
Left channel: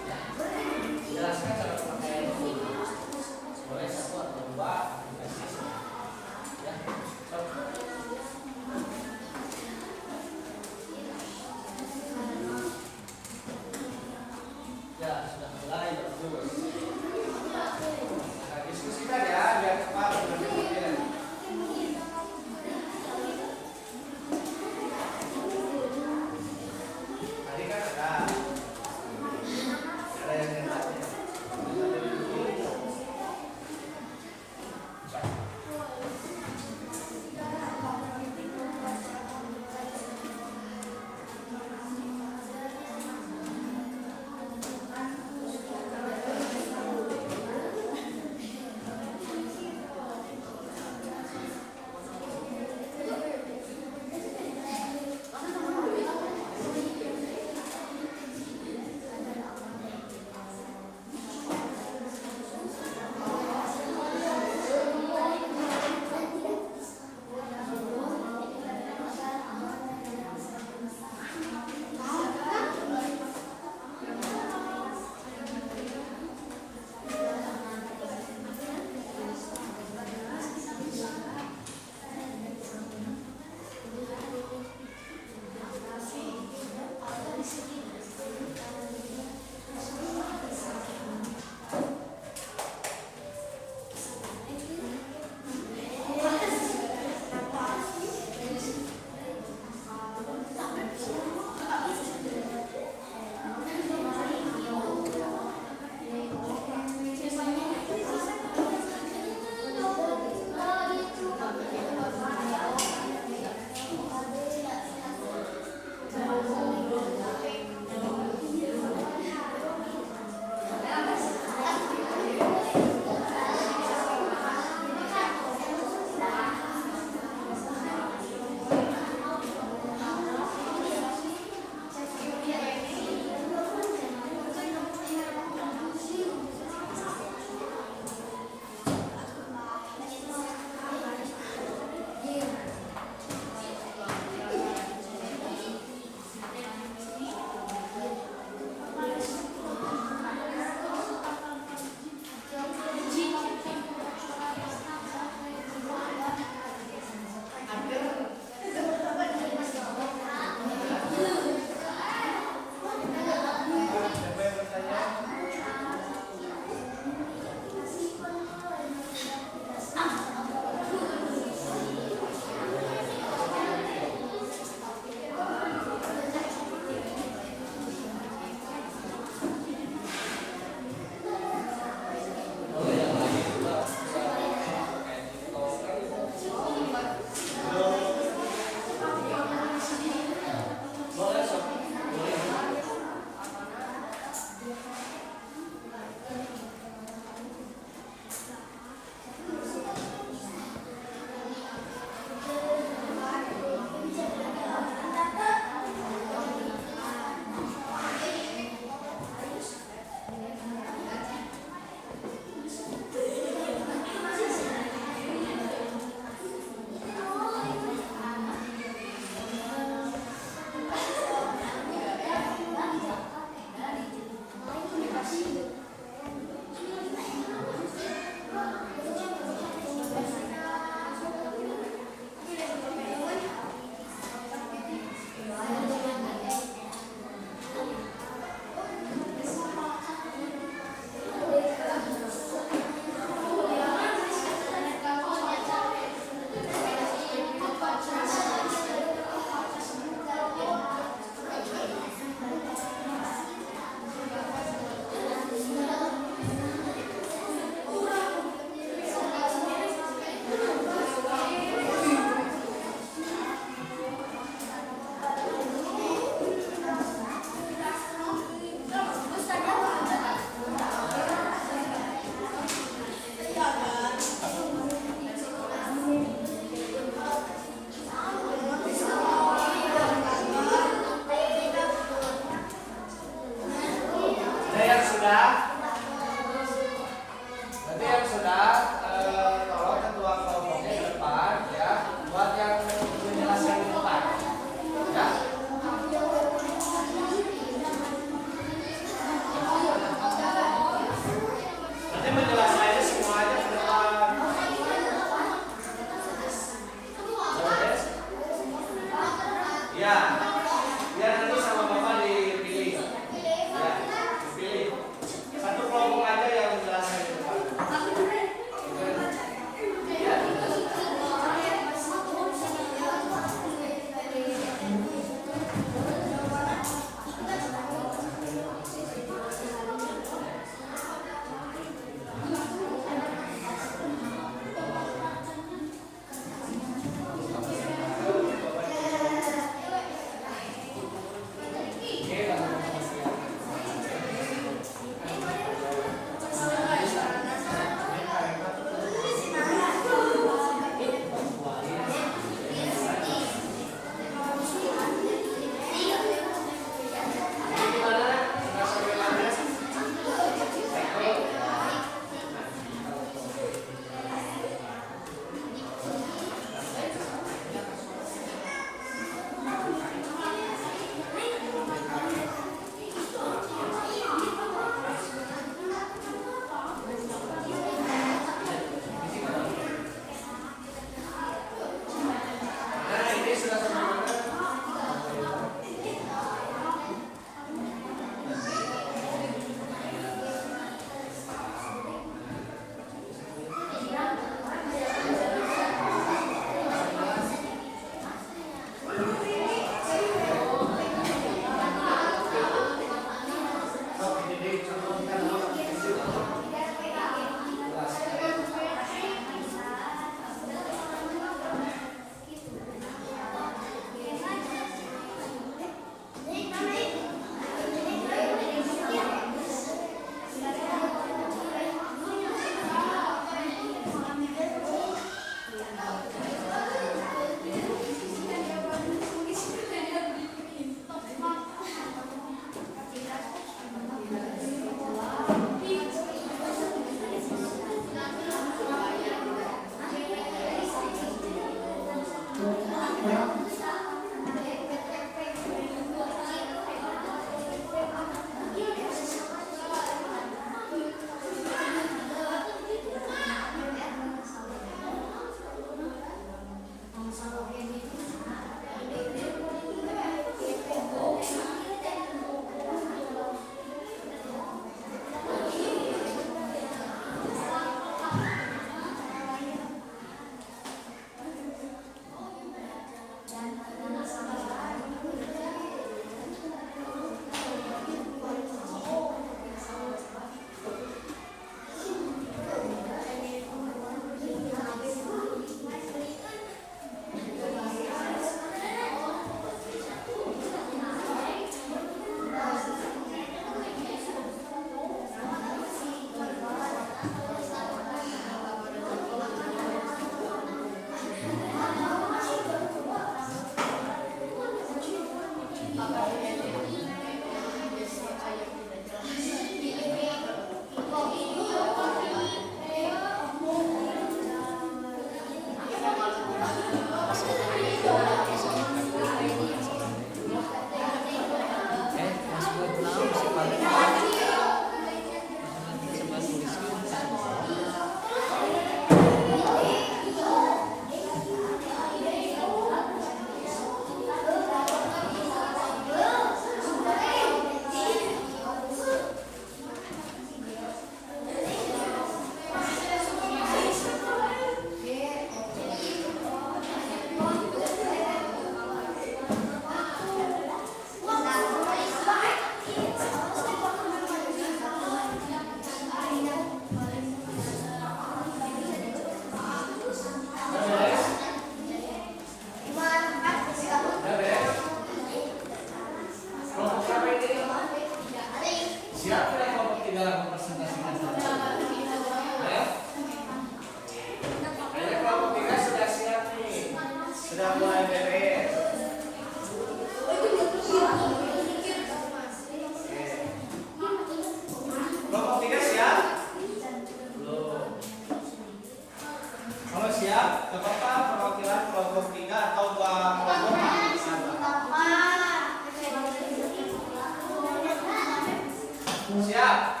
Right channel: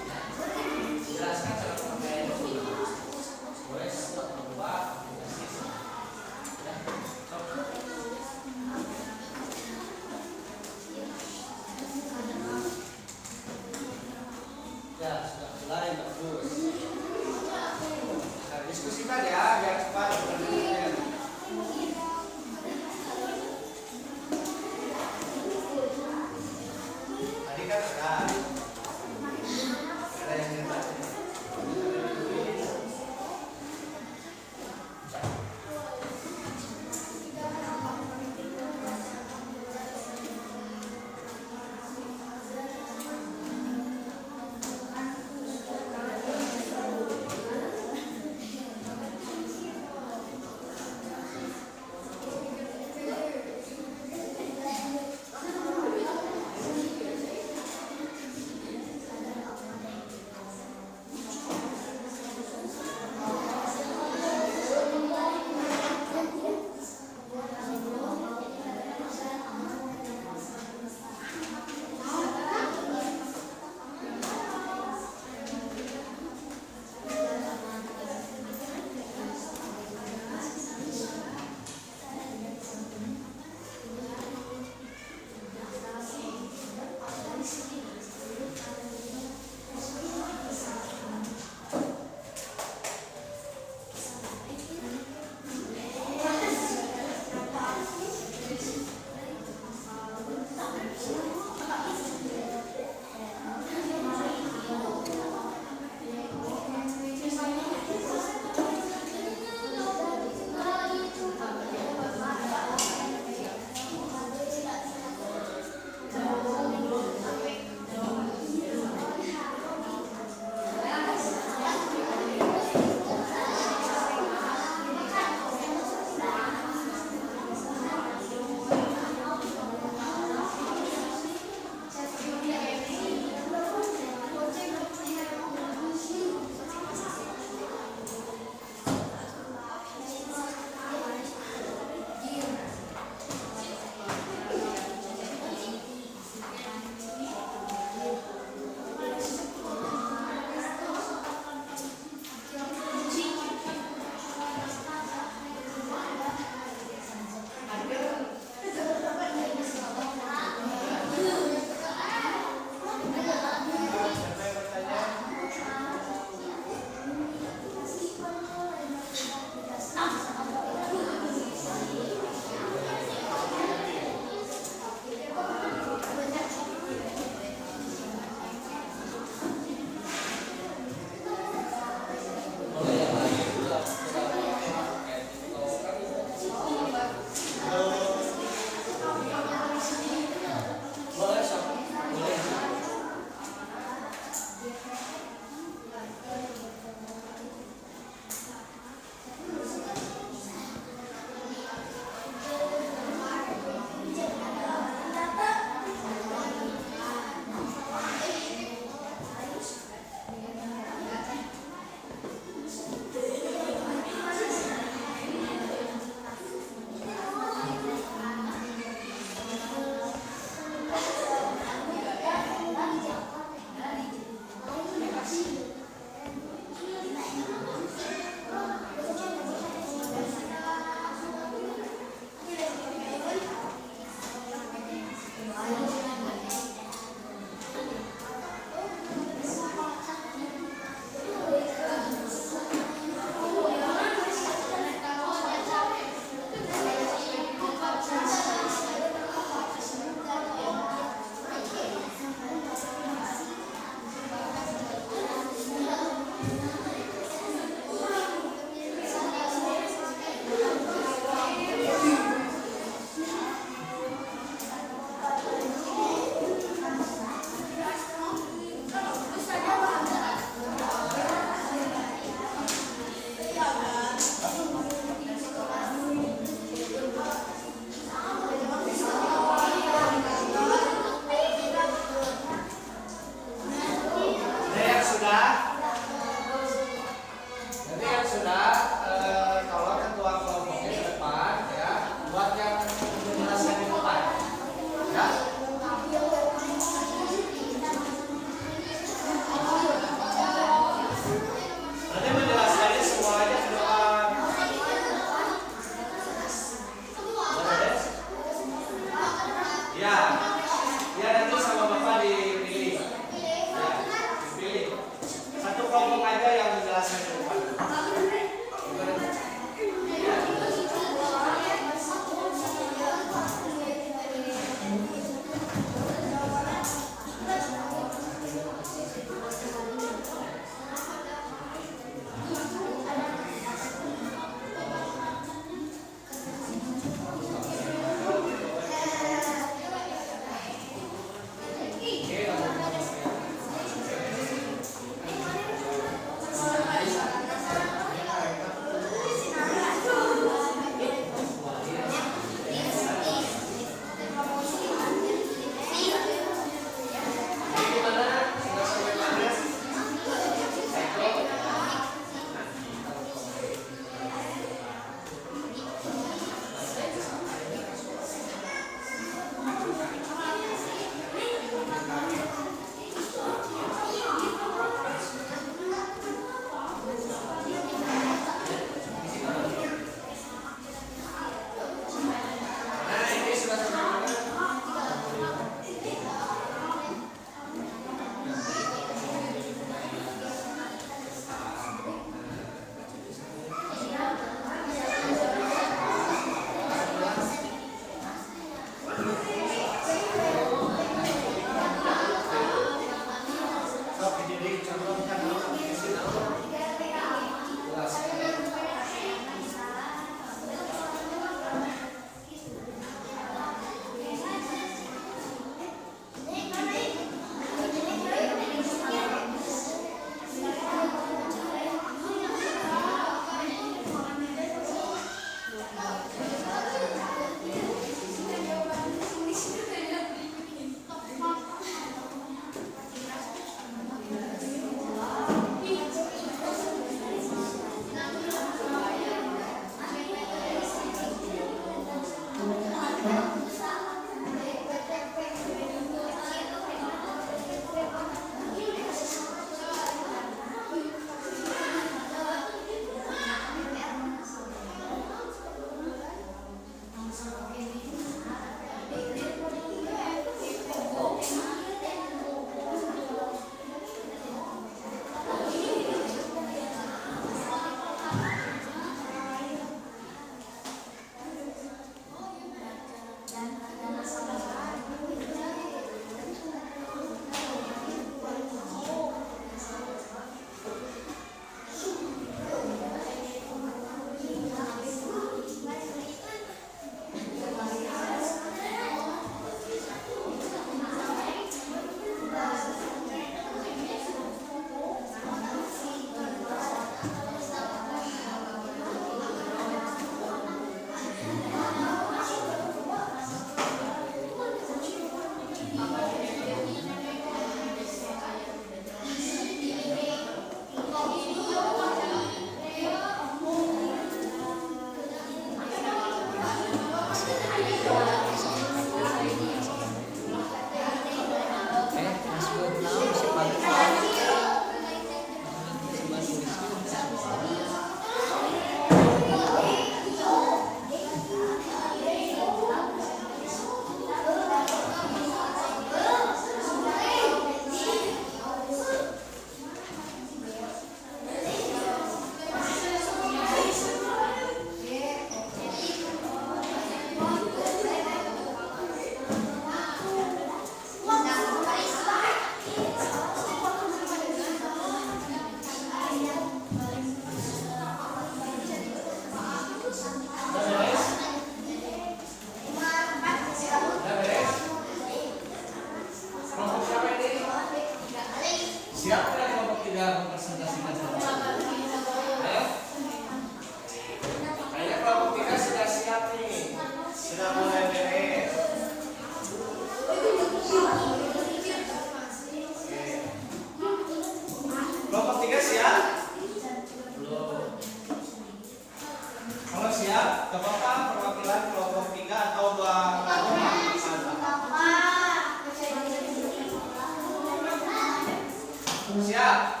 siap?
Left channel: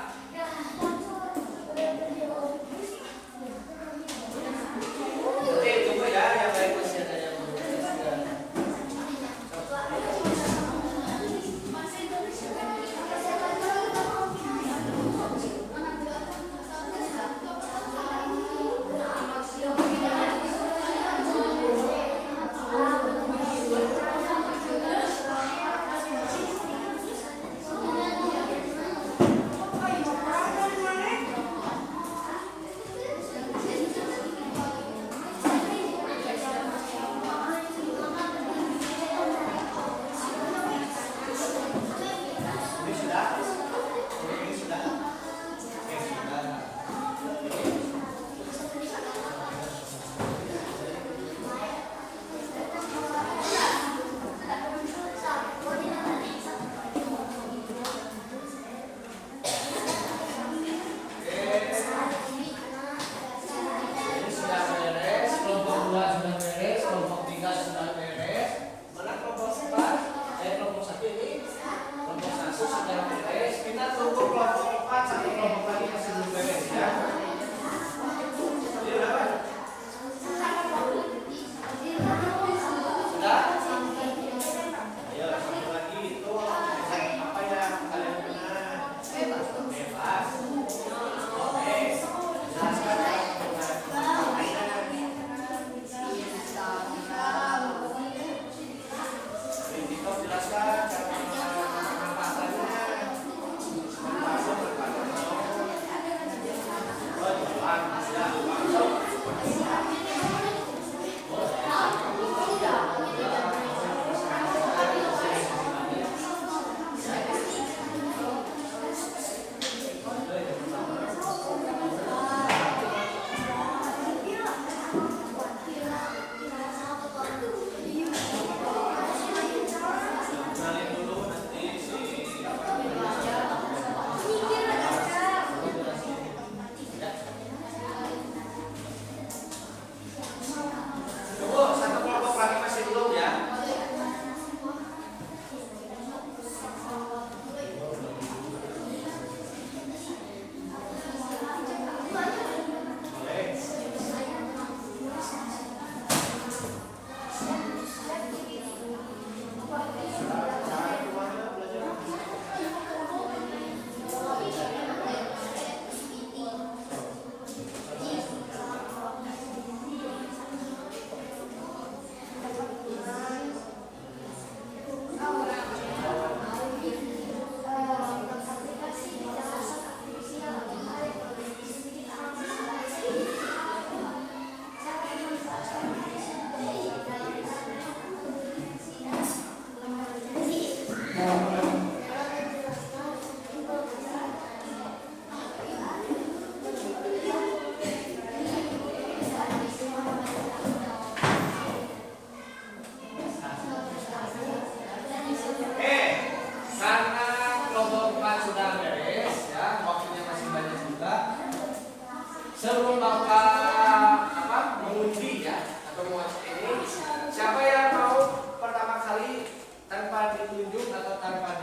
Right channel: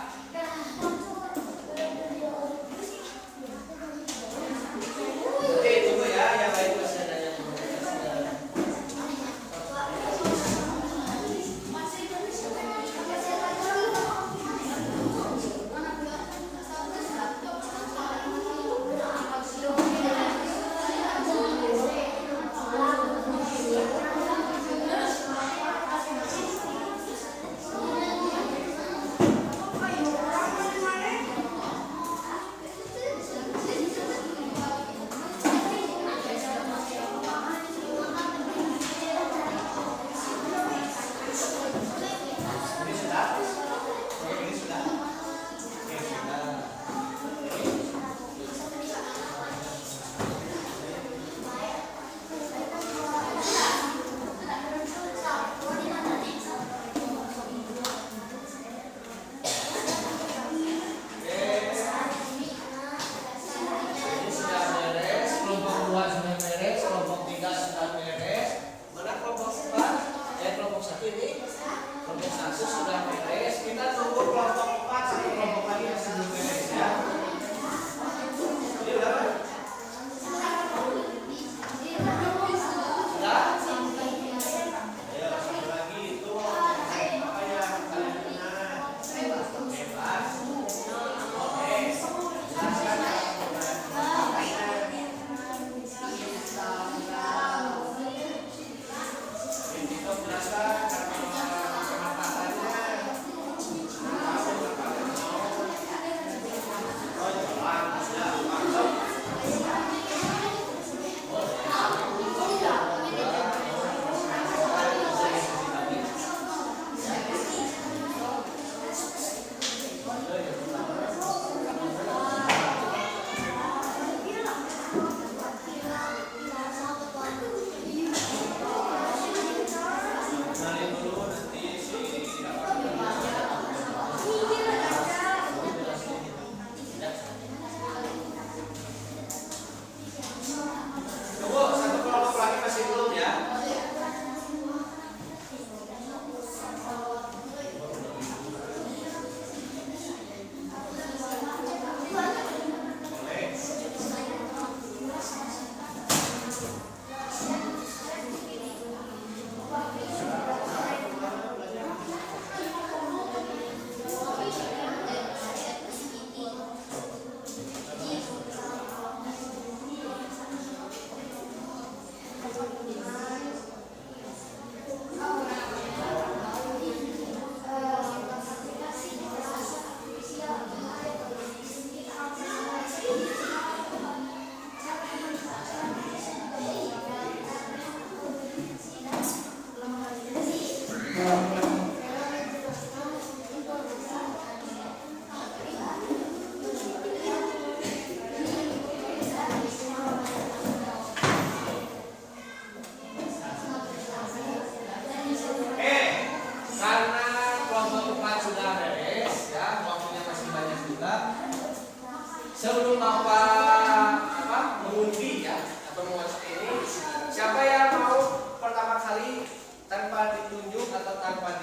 Oke, tunggu ya, yang lain masih ada yang belum beres. Ini sudah? Ini sudah? Ini sudah. Ini sudah beres, kelompok 2 sudah beres, kelompok 3 sudah beres. Mana kelompok 4? Kelompok 1 ini. Kelompok 1 sudah beres. Kita tunggu kelompok 4 satu kelompok lagi masih belum beres ya. Ini udah Pak? Sudah? Ayo satu lagi itu apa ya kalian dengar? Bebas. Oke. Jelaskan. Tunggu, satu kelompok lagi masih belum ya. Karena kelompok 4 sudah beres ya, waktunya masih banyak juga. Sebelum Bapak mengundi ya atau menguasai ini, siapa yang mau pertama kali tanpa ditunjuk atau tanpa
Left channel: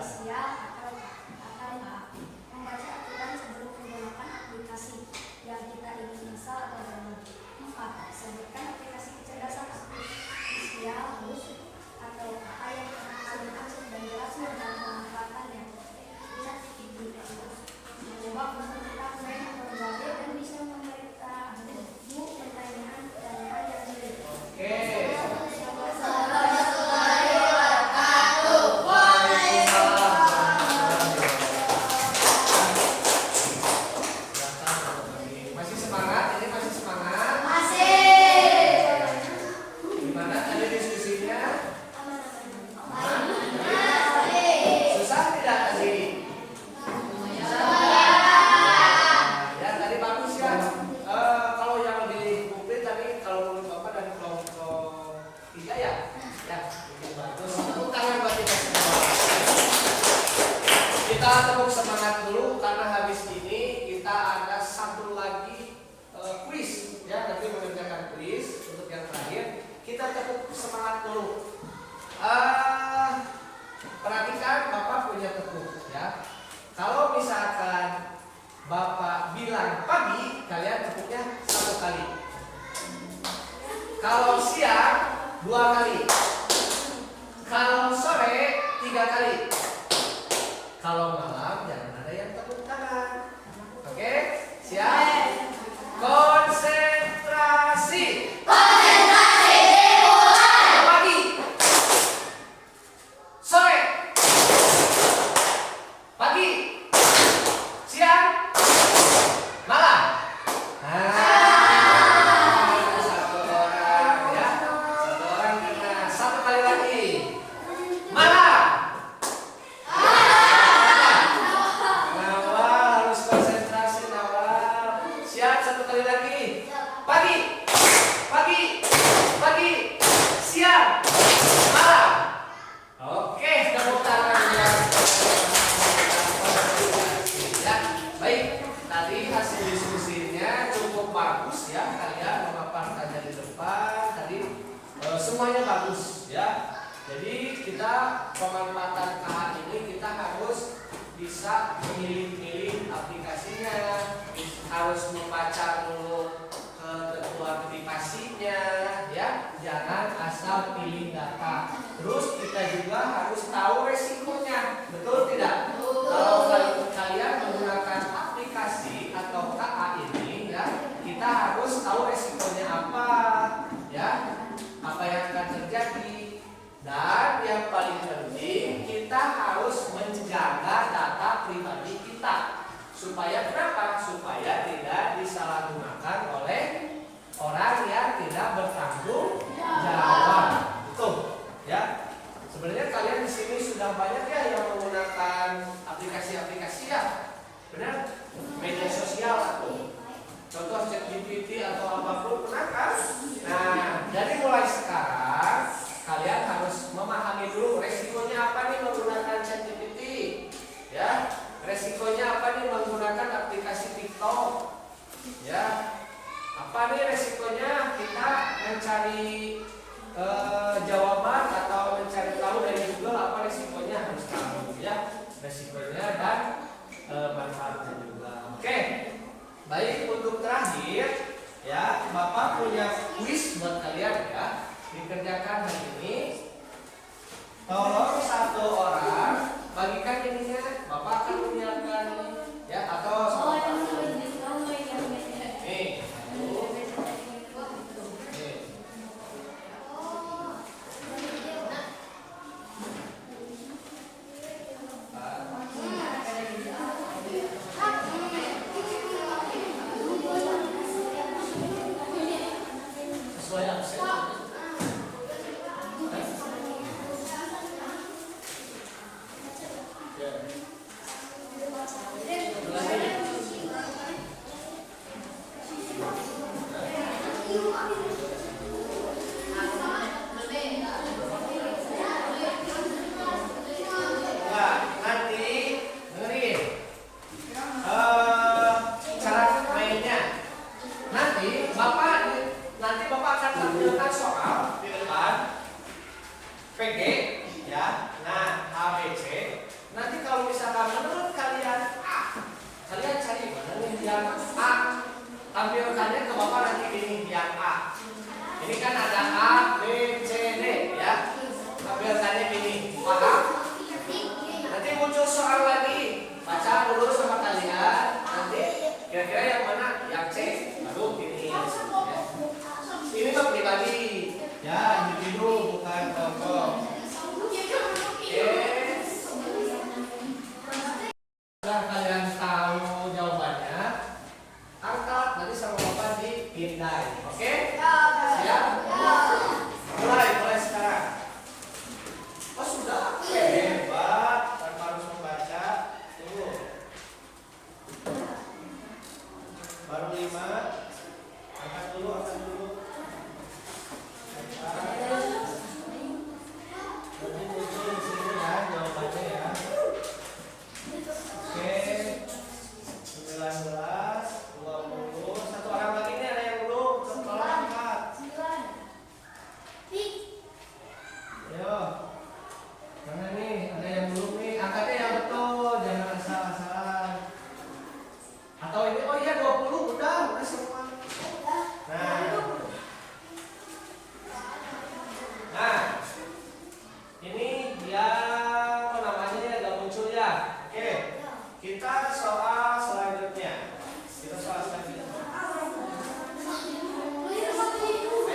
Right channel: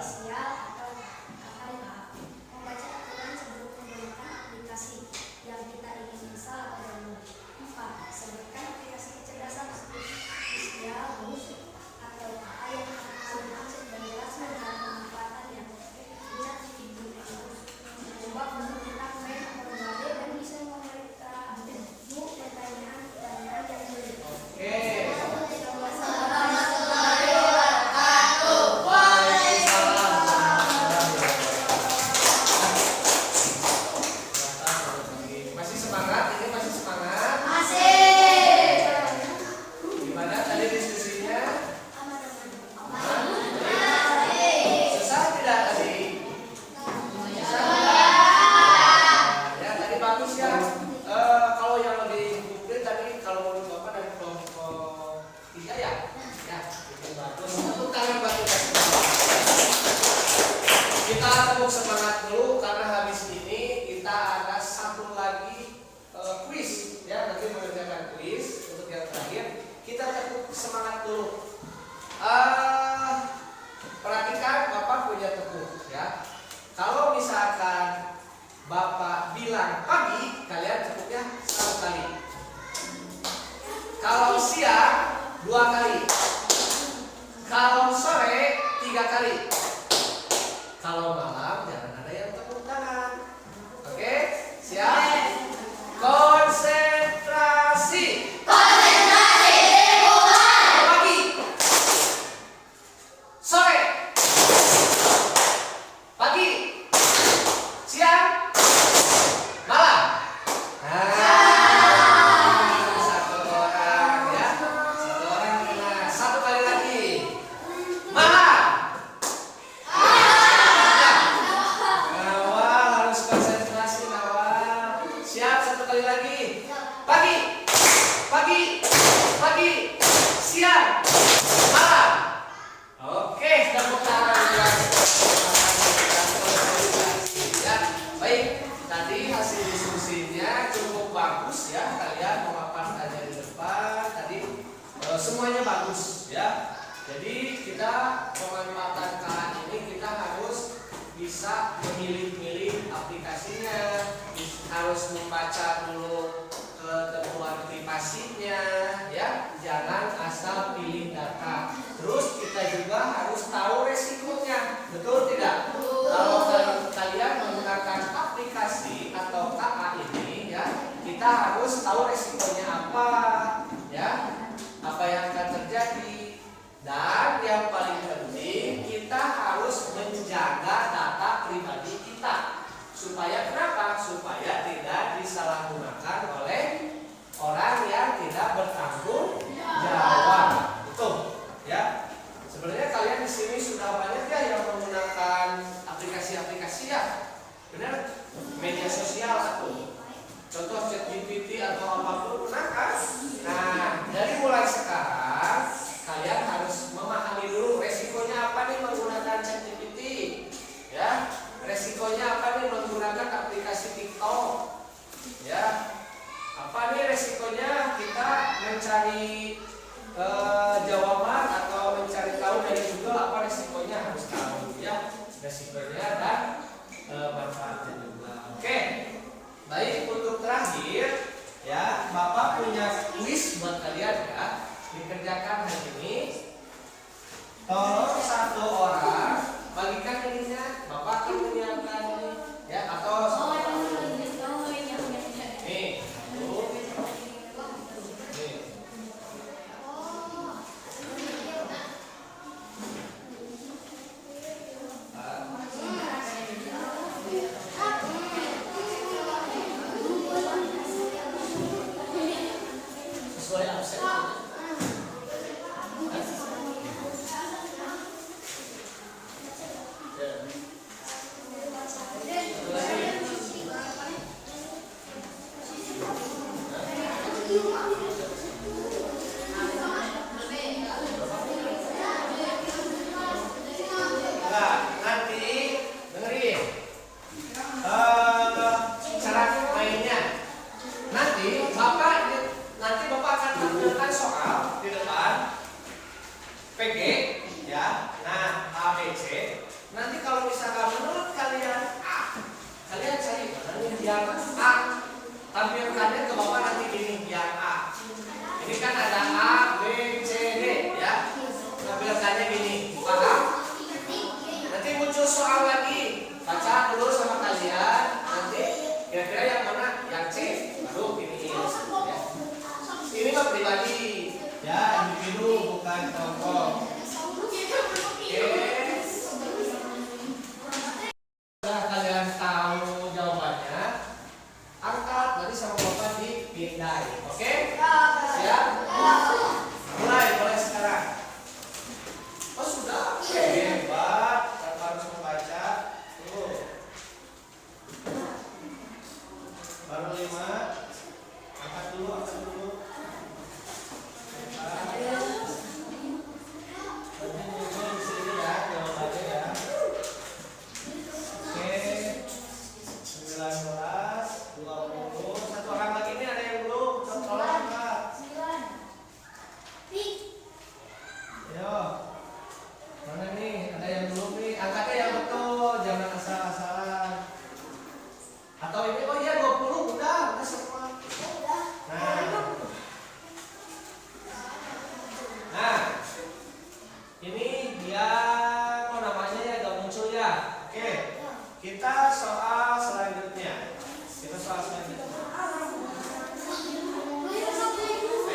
Asia atau KA. Membaca aturan sebelum menggunakan aplikasi yang kita ingin install atau download. 4. Sebutkan aplikasi kecerdasan Asia atau KA yang mengandung akses dan jelas mengenai pemanfaatannya. 5. Mencoba menggunakan main atau berbagai dan bisa memberikanmu pertanyaan-pertanyaan yang sulit. Masih semangat? Ini masih semangat? Gimana tadi diskusinya? Susah tidak tadi? Ya tadi bagus ya. Kalau yang lebih komplit tadi kalau menurut Bapak dan kelompok 3 ya, itu bagus. Tepuk tangan buat kita semua. Kita tepuk semangat dulu karena habis ini kita ada satu lagi kuis ya, nanti mengerjakan kuis untuk yang terakhir. Kita tepuk semangat dulu. Perhatikan Bapak punya tepuk ya. Kalau misalkan Bapak bilang pagi, kalian tepuknya 1 kali. Kalau siang 2 kali. Kalau sore 3 kali. Kalau malam jangan ada yang tepuk tangan. Oke? Siap? Konsentrasi. Pagi. Sore. Pagi. Siang. Malam. Satu orang ya. Satu orang kena. 1 kali lagi. Malam. Nawal harus konsentrasi Nawal. Siap 1 kali lagi. Pagi. Pagi. Pagi. Siang. Malam. Oke, tepuk tangan yang ya. Baik, tadi hasil diskusinya cukup bagus ya. Kalian memaparkannya di depan. Tadi semuanya bagus ya. Jadi kita pemanfaatan KA ini kita harus bisa memilih-milih aplikasinya, harus membaca dulu ketentuan privasinya ya, jangan asal pilih data. Terus kita juga harus tahu resikonya, betul tidak? Kalau kalian menggunakan aplikasi atau KA ini ya, kita harus tahu resikonya apa ya, apa yang akan terjadi. Dan yang paling penting kita harus menjaga data pribadi kita. Supaya kenapa? Supaya tidak disalahgunakan oleh orang yang tidak bertanggung jawab. Betul, ya. Sebenarnya kalian di sini sudah banyak ya yang menggunakan aplikasi-aplikasi ya, benar? Media sosial atau contoh ChatGPT atau apapun, benar kan? Nah, dari mulai sekarang kalian harus memahami dulu resikonya apa nih menggunakan ChatGPT, ya. Resikonya apa nih menggunakan aplikasi TikTok, ya. Apa nih resikonya kita mencari jawaban atau mencari tahu dari Google, apa resikonya harus tahu ya, resikonya dan manfaatnya juga. Oke, baik, untuk terakhir ya, Bapak punya kuis buat kalian ya, dikerjakan hari ini. Tolong 1 orang bagikan ininya, Bapak akan menyiapkan ya, atau nih, sesuai absen. tampilkannya ke Bapak nanti gini, yang A. Ini kan ada A, B, C, D ya. Tampilkannya gini, paham? Nanti muncul soal lagi. Baca dulu sama kalian. Nanti kira-kira yang mana? Yang C. Baru ini. Ya. Ini mah pribadi. Ya, individu bukan kelompok. Oke. Setelah kalian tahu jawabannya, angkat tadi sama Bapak dipindai. Oke? Siap? Mulai sekarang. Oh sudah? Hebat. Tanpa harus membaca. Tunggu. Baru 5. Angkat dulu. Nanti muncul di sini ya jawabannya ya. Oke. 19, 20. Satu orang lagi nih ada yang belum. Tolong angkat. Ayo. Mana nih? Ada yang belum nih? Angkatnya yang betul, jangan asal-asalan. Atau ini oh iya 20 udah semua. Nah. Ini yang namanya ini agak muncul ya. Oke. Kita soal selanjutnya.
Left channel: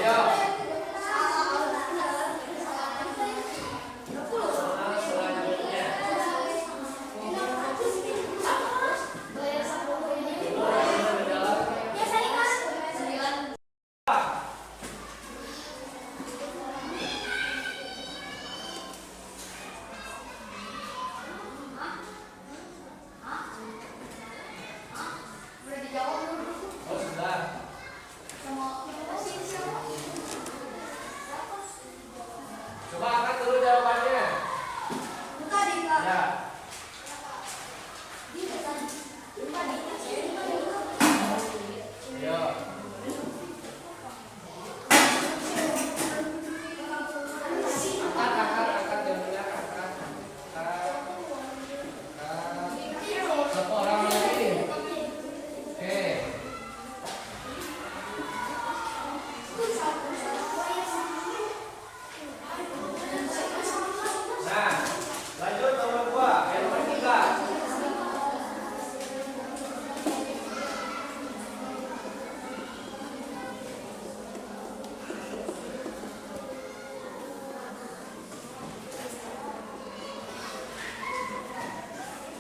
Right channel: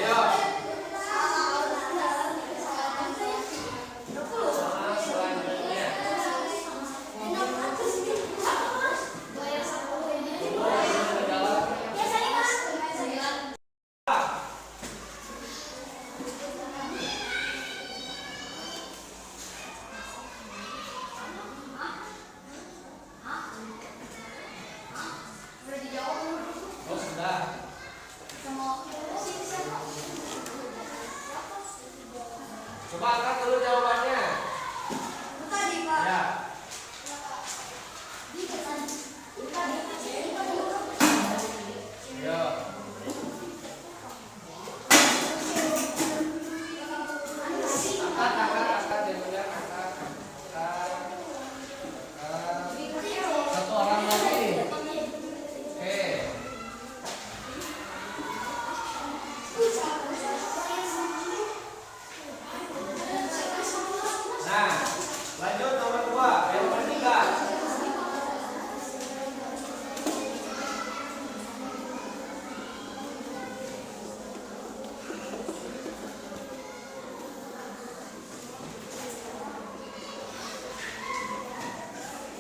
Ayo. Oh sudah. Coba angkat dulu jawabannya. Ya. Ayo. Angkat jadinya angkat. Satu orang lagi. Oke. Nah, lanjut nomor 2, nomor 3.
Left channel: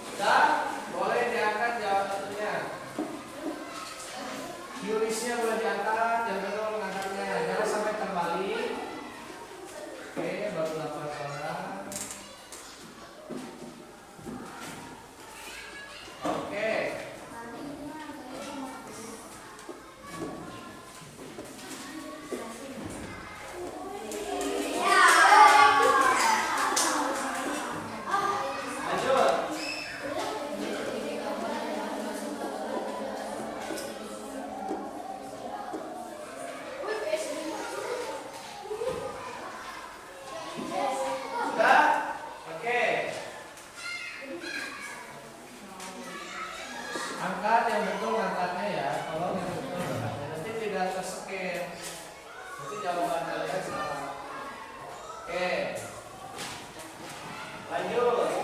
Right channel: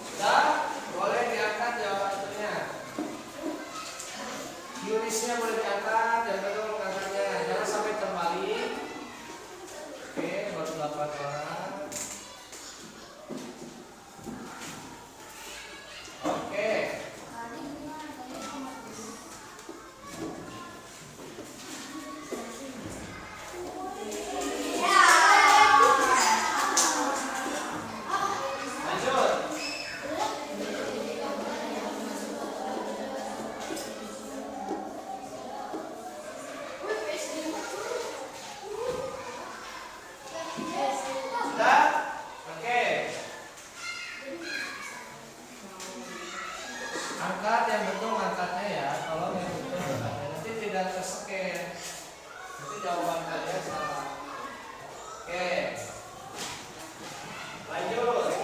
Sudah, boleh diangkat jawabannya. Yurisnya boleh diangkat, yang betul mengangkatnya. Jangan sampai terbalik. Oke, baru 8 orang. Oke. Lanjut. Sudah? Oke. Angkat yang betul angkatnya ya. Tolong yang betul angkatnya. Nanti tidak terseken. Nanti jawaban kalian salah. Oke. Lanjut.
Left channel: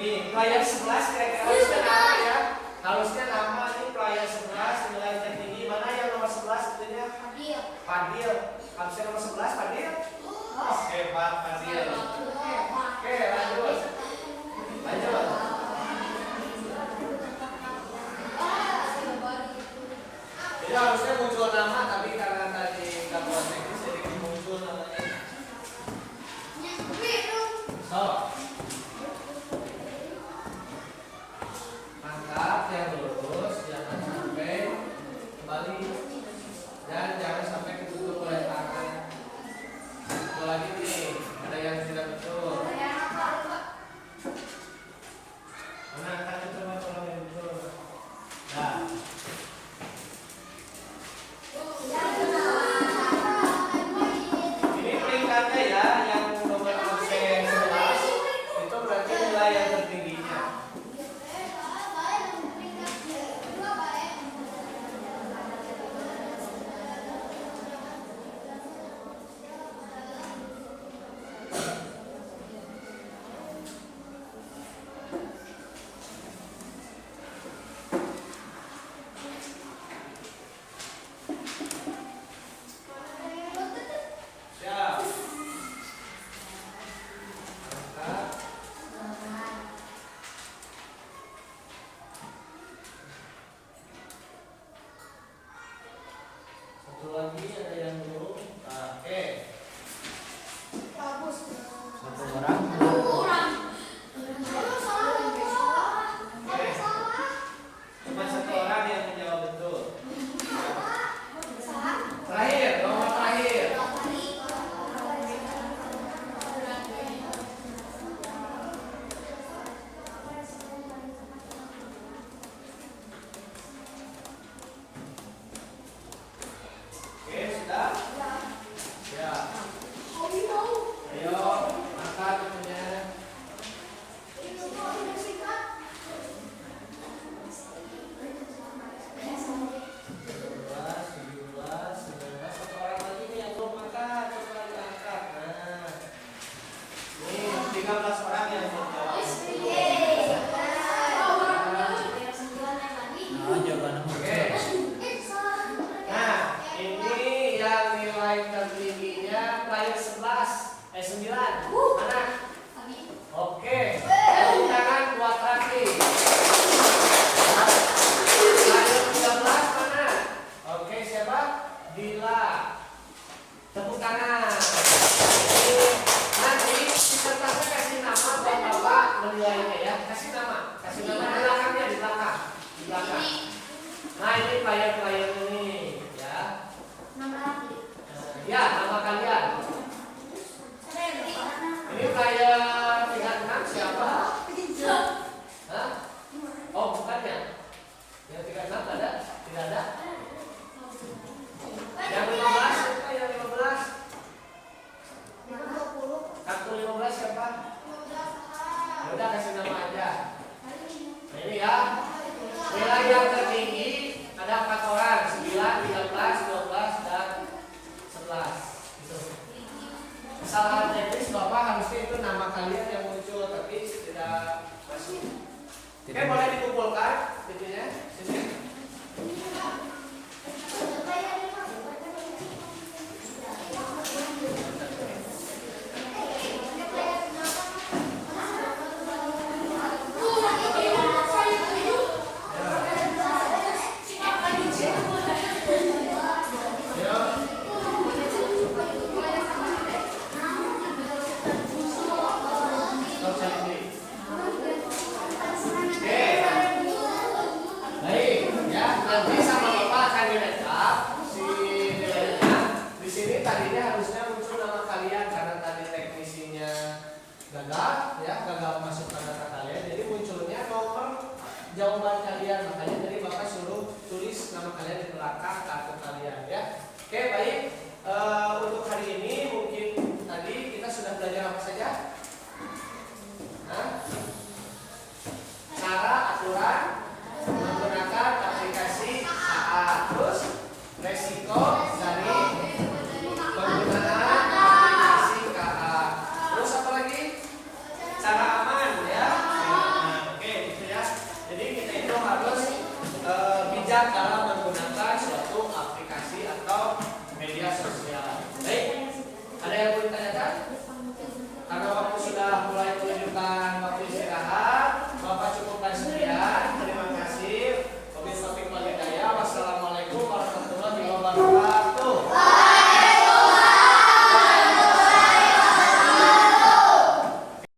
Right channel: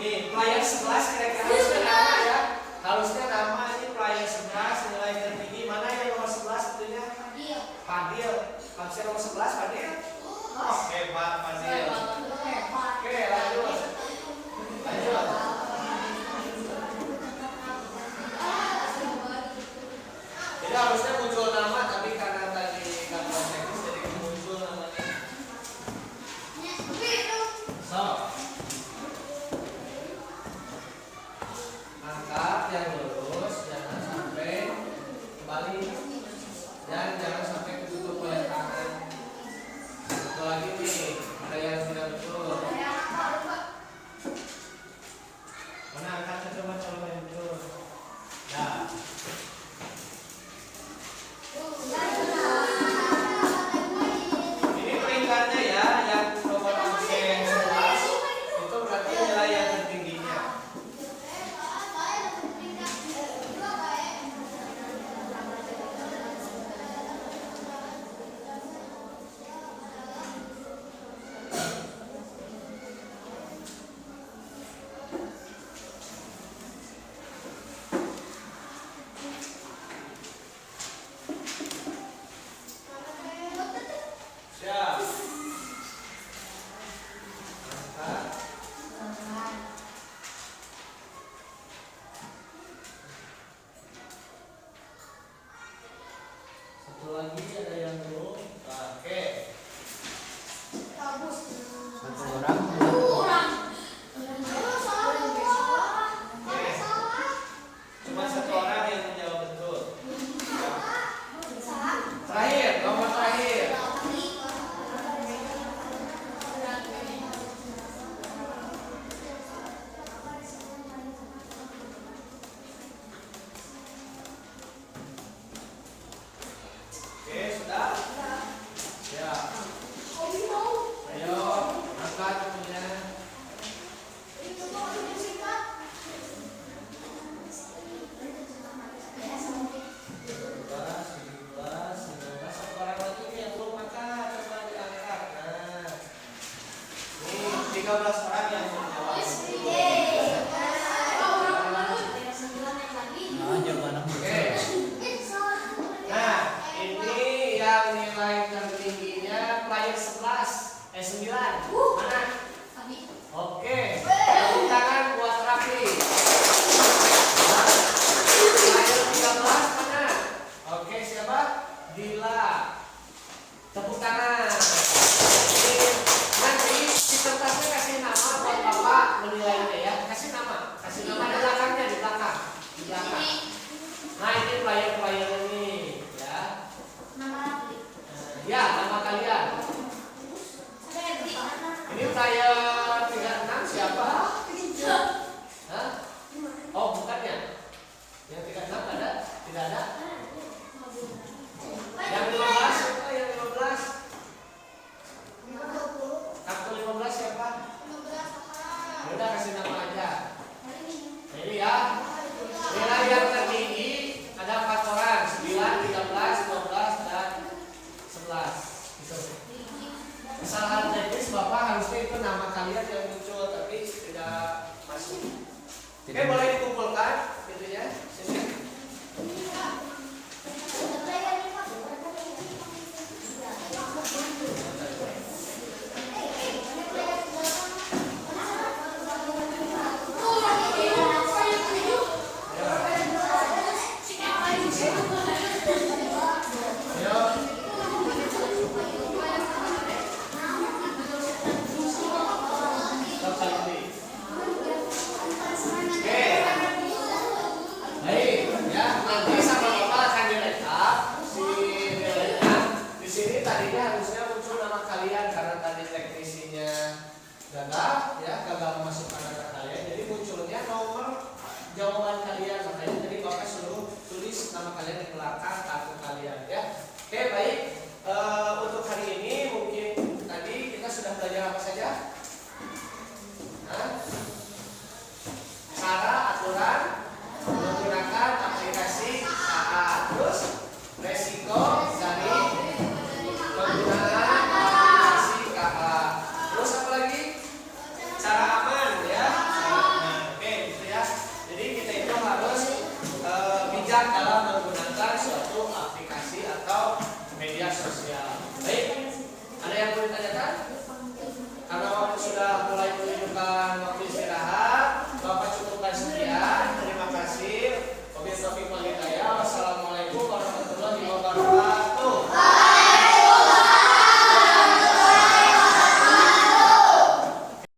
Nih, player 11 kira-kira harusnya nama ya. Harusnya nama ini player 11 nilai tertinggi. Mana yang nomor 11 tentunya? Fadil. Harusnya nomor 11 Fadil. Oh, hebat Fadil. Oke, lanjut. Lanjut. Jadi harusnya muncul nama, tapi karena tadi gangguan teknis jadi muncul namanya. So, angkat yang lurus, jangan sampai kembali dan jangan sampai ketutup oleh tangan. Betul lagi nih, ada yang tidak betul. Mana angkatnya coba kalau yang betul. Nah. Ini peringkatnya ya, yang nomor absen 11 itu berarti nilai yang tertingginya. Siap. Angkat. Satu lagi ada yang belum. Oke. Satu orang. Cuma satu orang yang menjawab betul. Terakhir, nomor terakhir. Oke, sudah? Ya. Ayo, angkat temennya. 17, 19, satu orang lagi nih yang belum angkat, coba diangkat. Nah, nih 13 orang yang menjawab. Nah, jawaban Oke. Nah, ini yang nilai tertingginya player 9. Mana? Oke. Tepuk tangan buat Raffi. Nah, player 13 mana? Oke, siapa? Dila. Tepuk tangan. Ini nanti di tempatnya kasih nama buat Bapak menilainya ya. Kasih nama di belakangnya, di belakang. Nah, ini player ini ya. Ya, nama kalian. Ini player 36 siapa? Hah? Oh, bukannya. Yang 36 ada? Tidak ada? Yang 15 siapa? Yang 15? Kartu 15 siapa? Udah kasih nama aja. Nah, ini ya. Nilai yang tertinggi ada 4 orang, 9, 13, 12, dan 11. Gitu. Kesalahan teknis Bapak harusnya itu nama kalian yang muncul, tapi tidak masuk. Oke, boleh dikumpulkan itunya sini. Nanti sama Bapak akan direkap si nilainya. Di sini tadinya harusnya muncul nama kalian karena tadi teknisinya gagal memasukkan data kalian. Jadi munculnya nomor jawaban kalian. Makanya tadi Bapak suruh tulis nama kalian di belakang kartu kalian ya. Oke, baik. Untuk hari ini mungkin tadi kita sudah belajar apa saja? Cara aturan menggunakan aplikasi AA, terus resiko dari penggunaan aplikasi KA, terus apa lagi? Cara aman ya. bijak dalam menggunakan suatu aplikasi atau media sosial.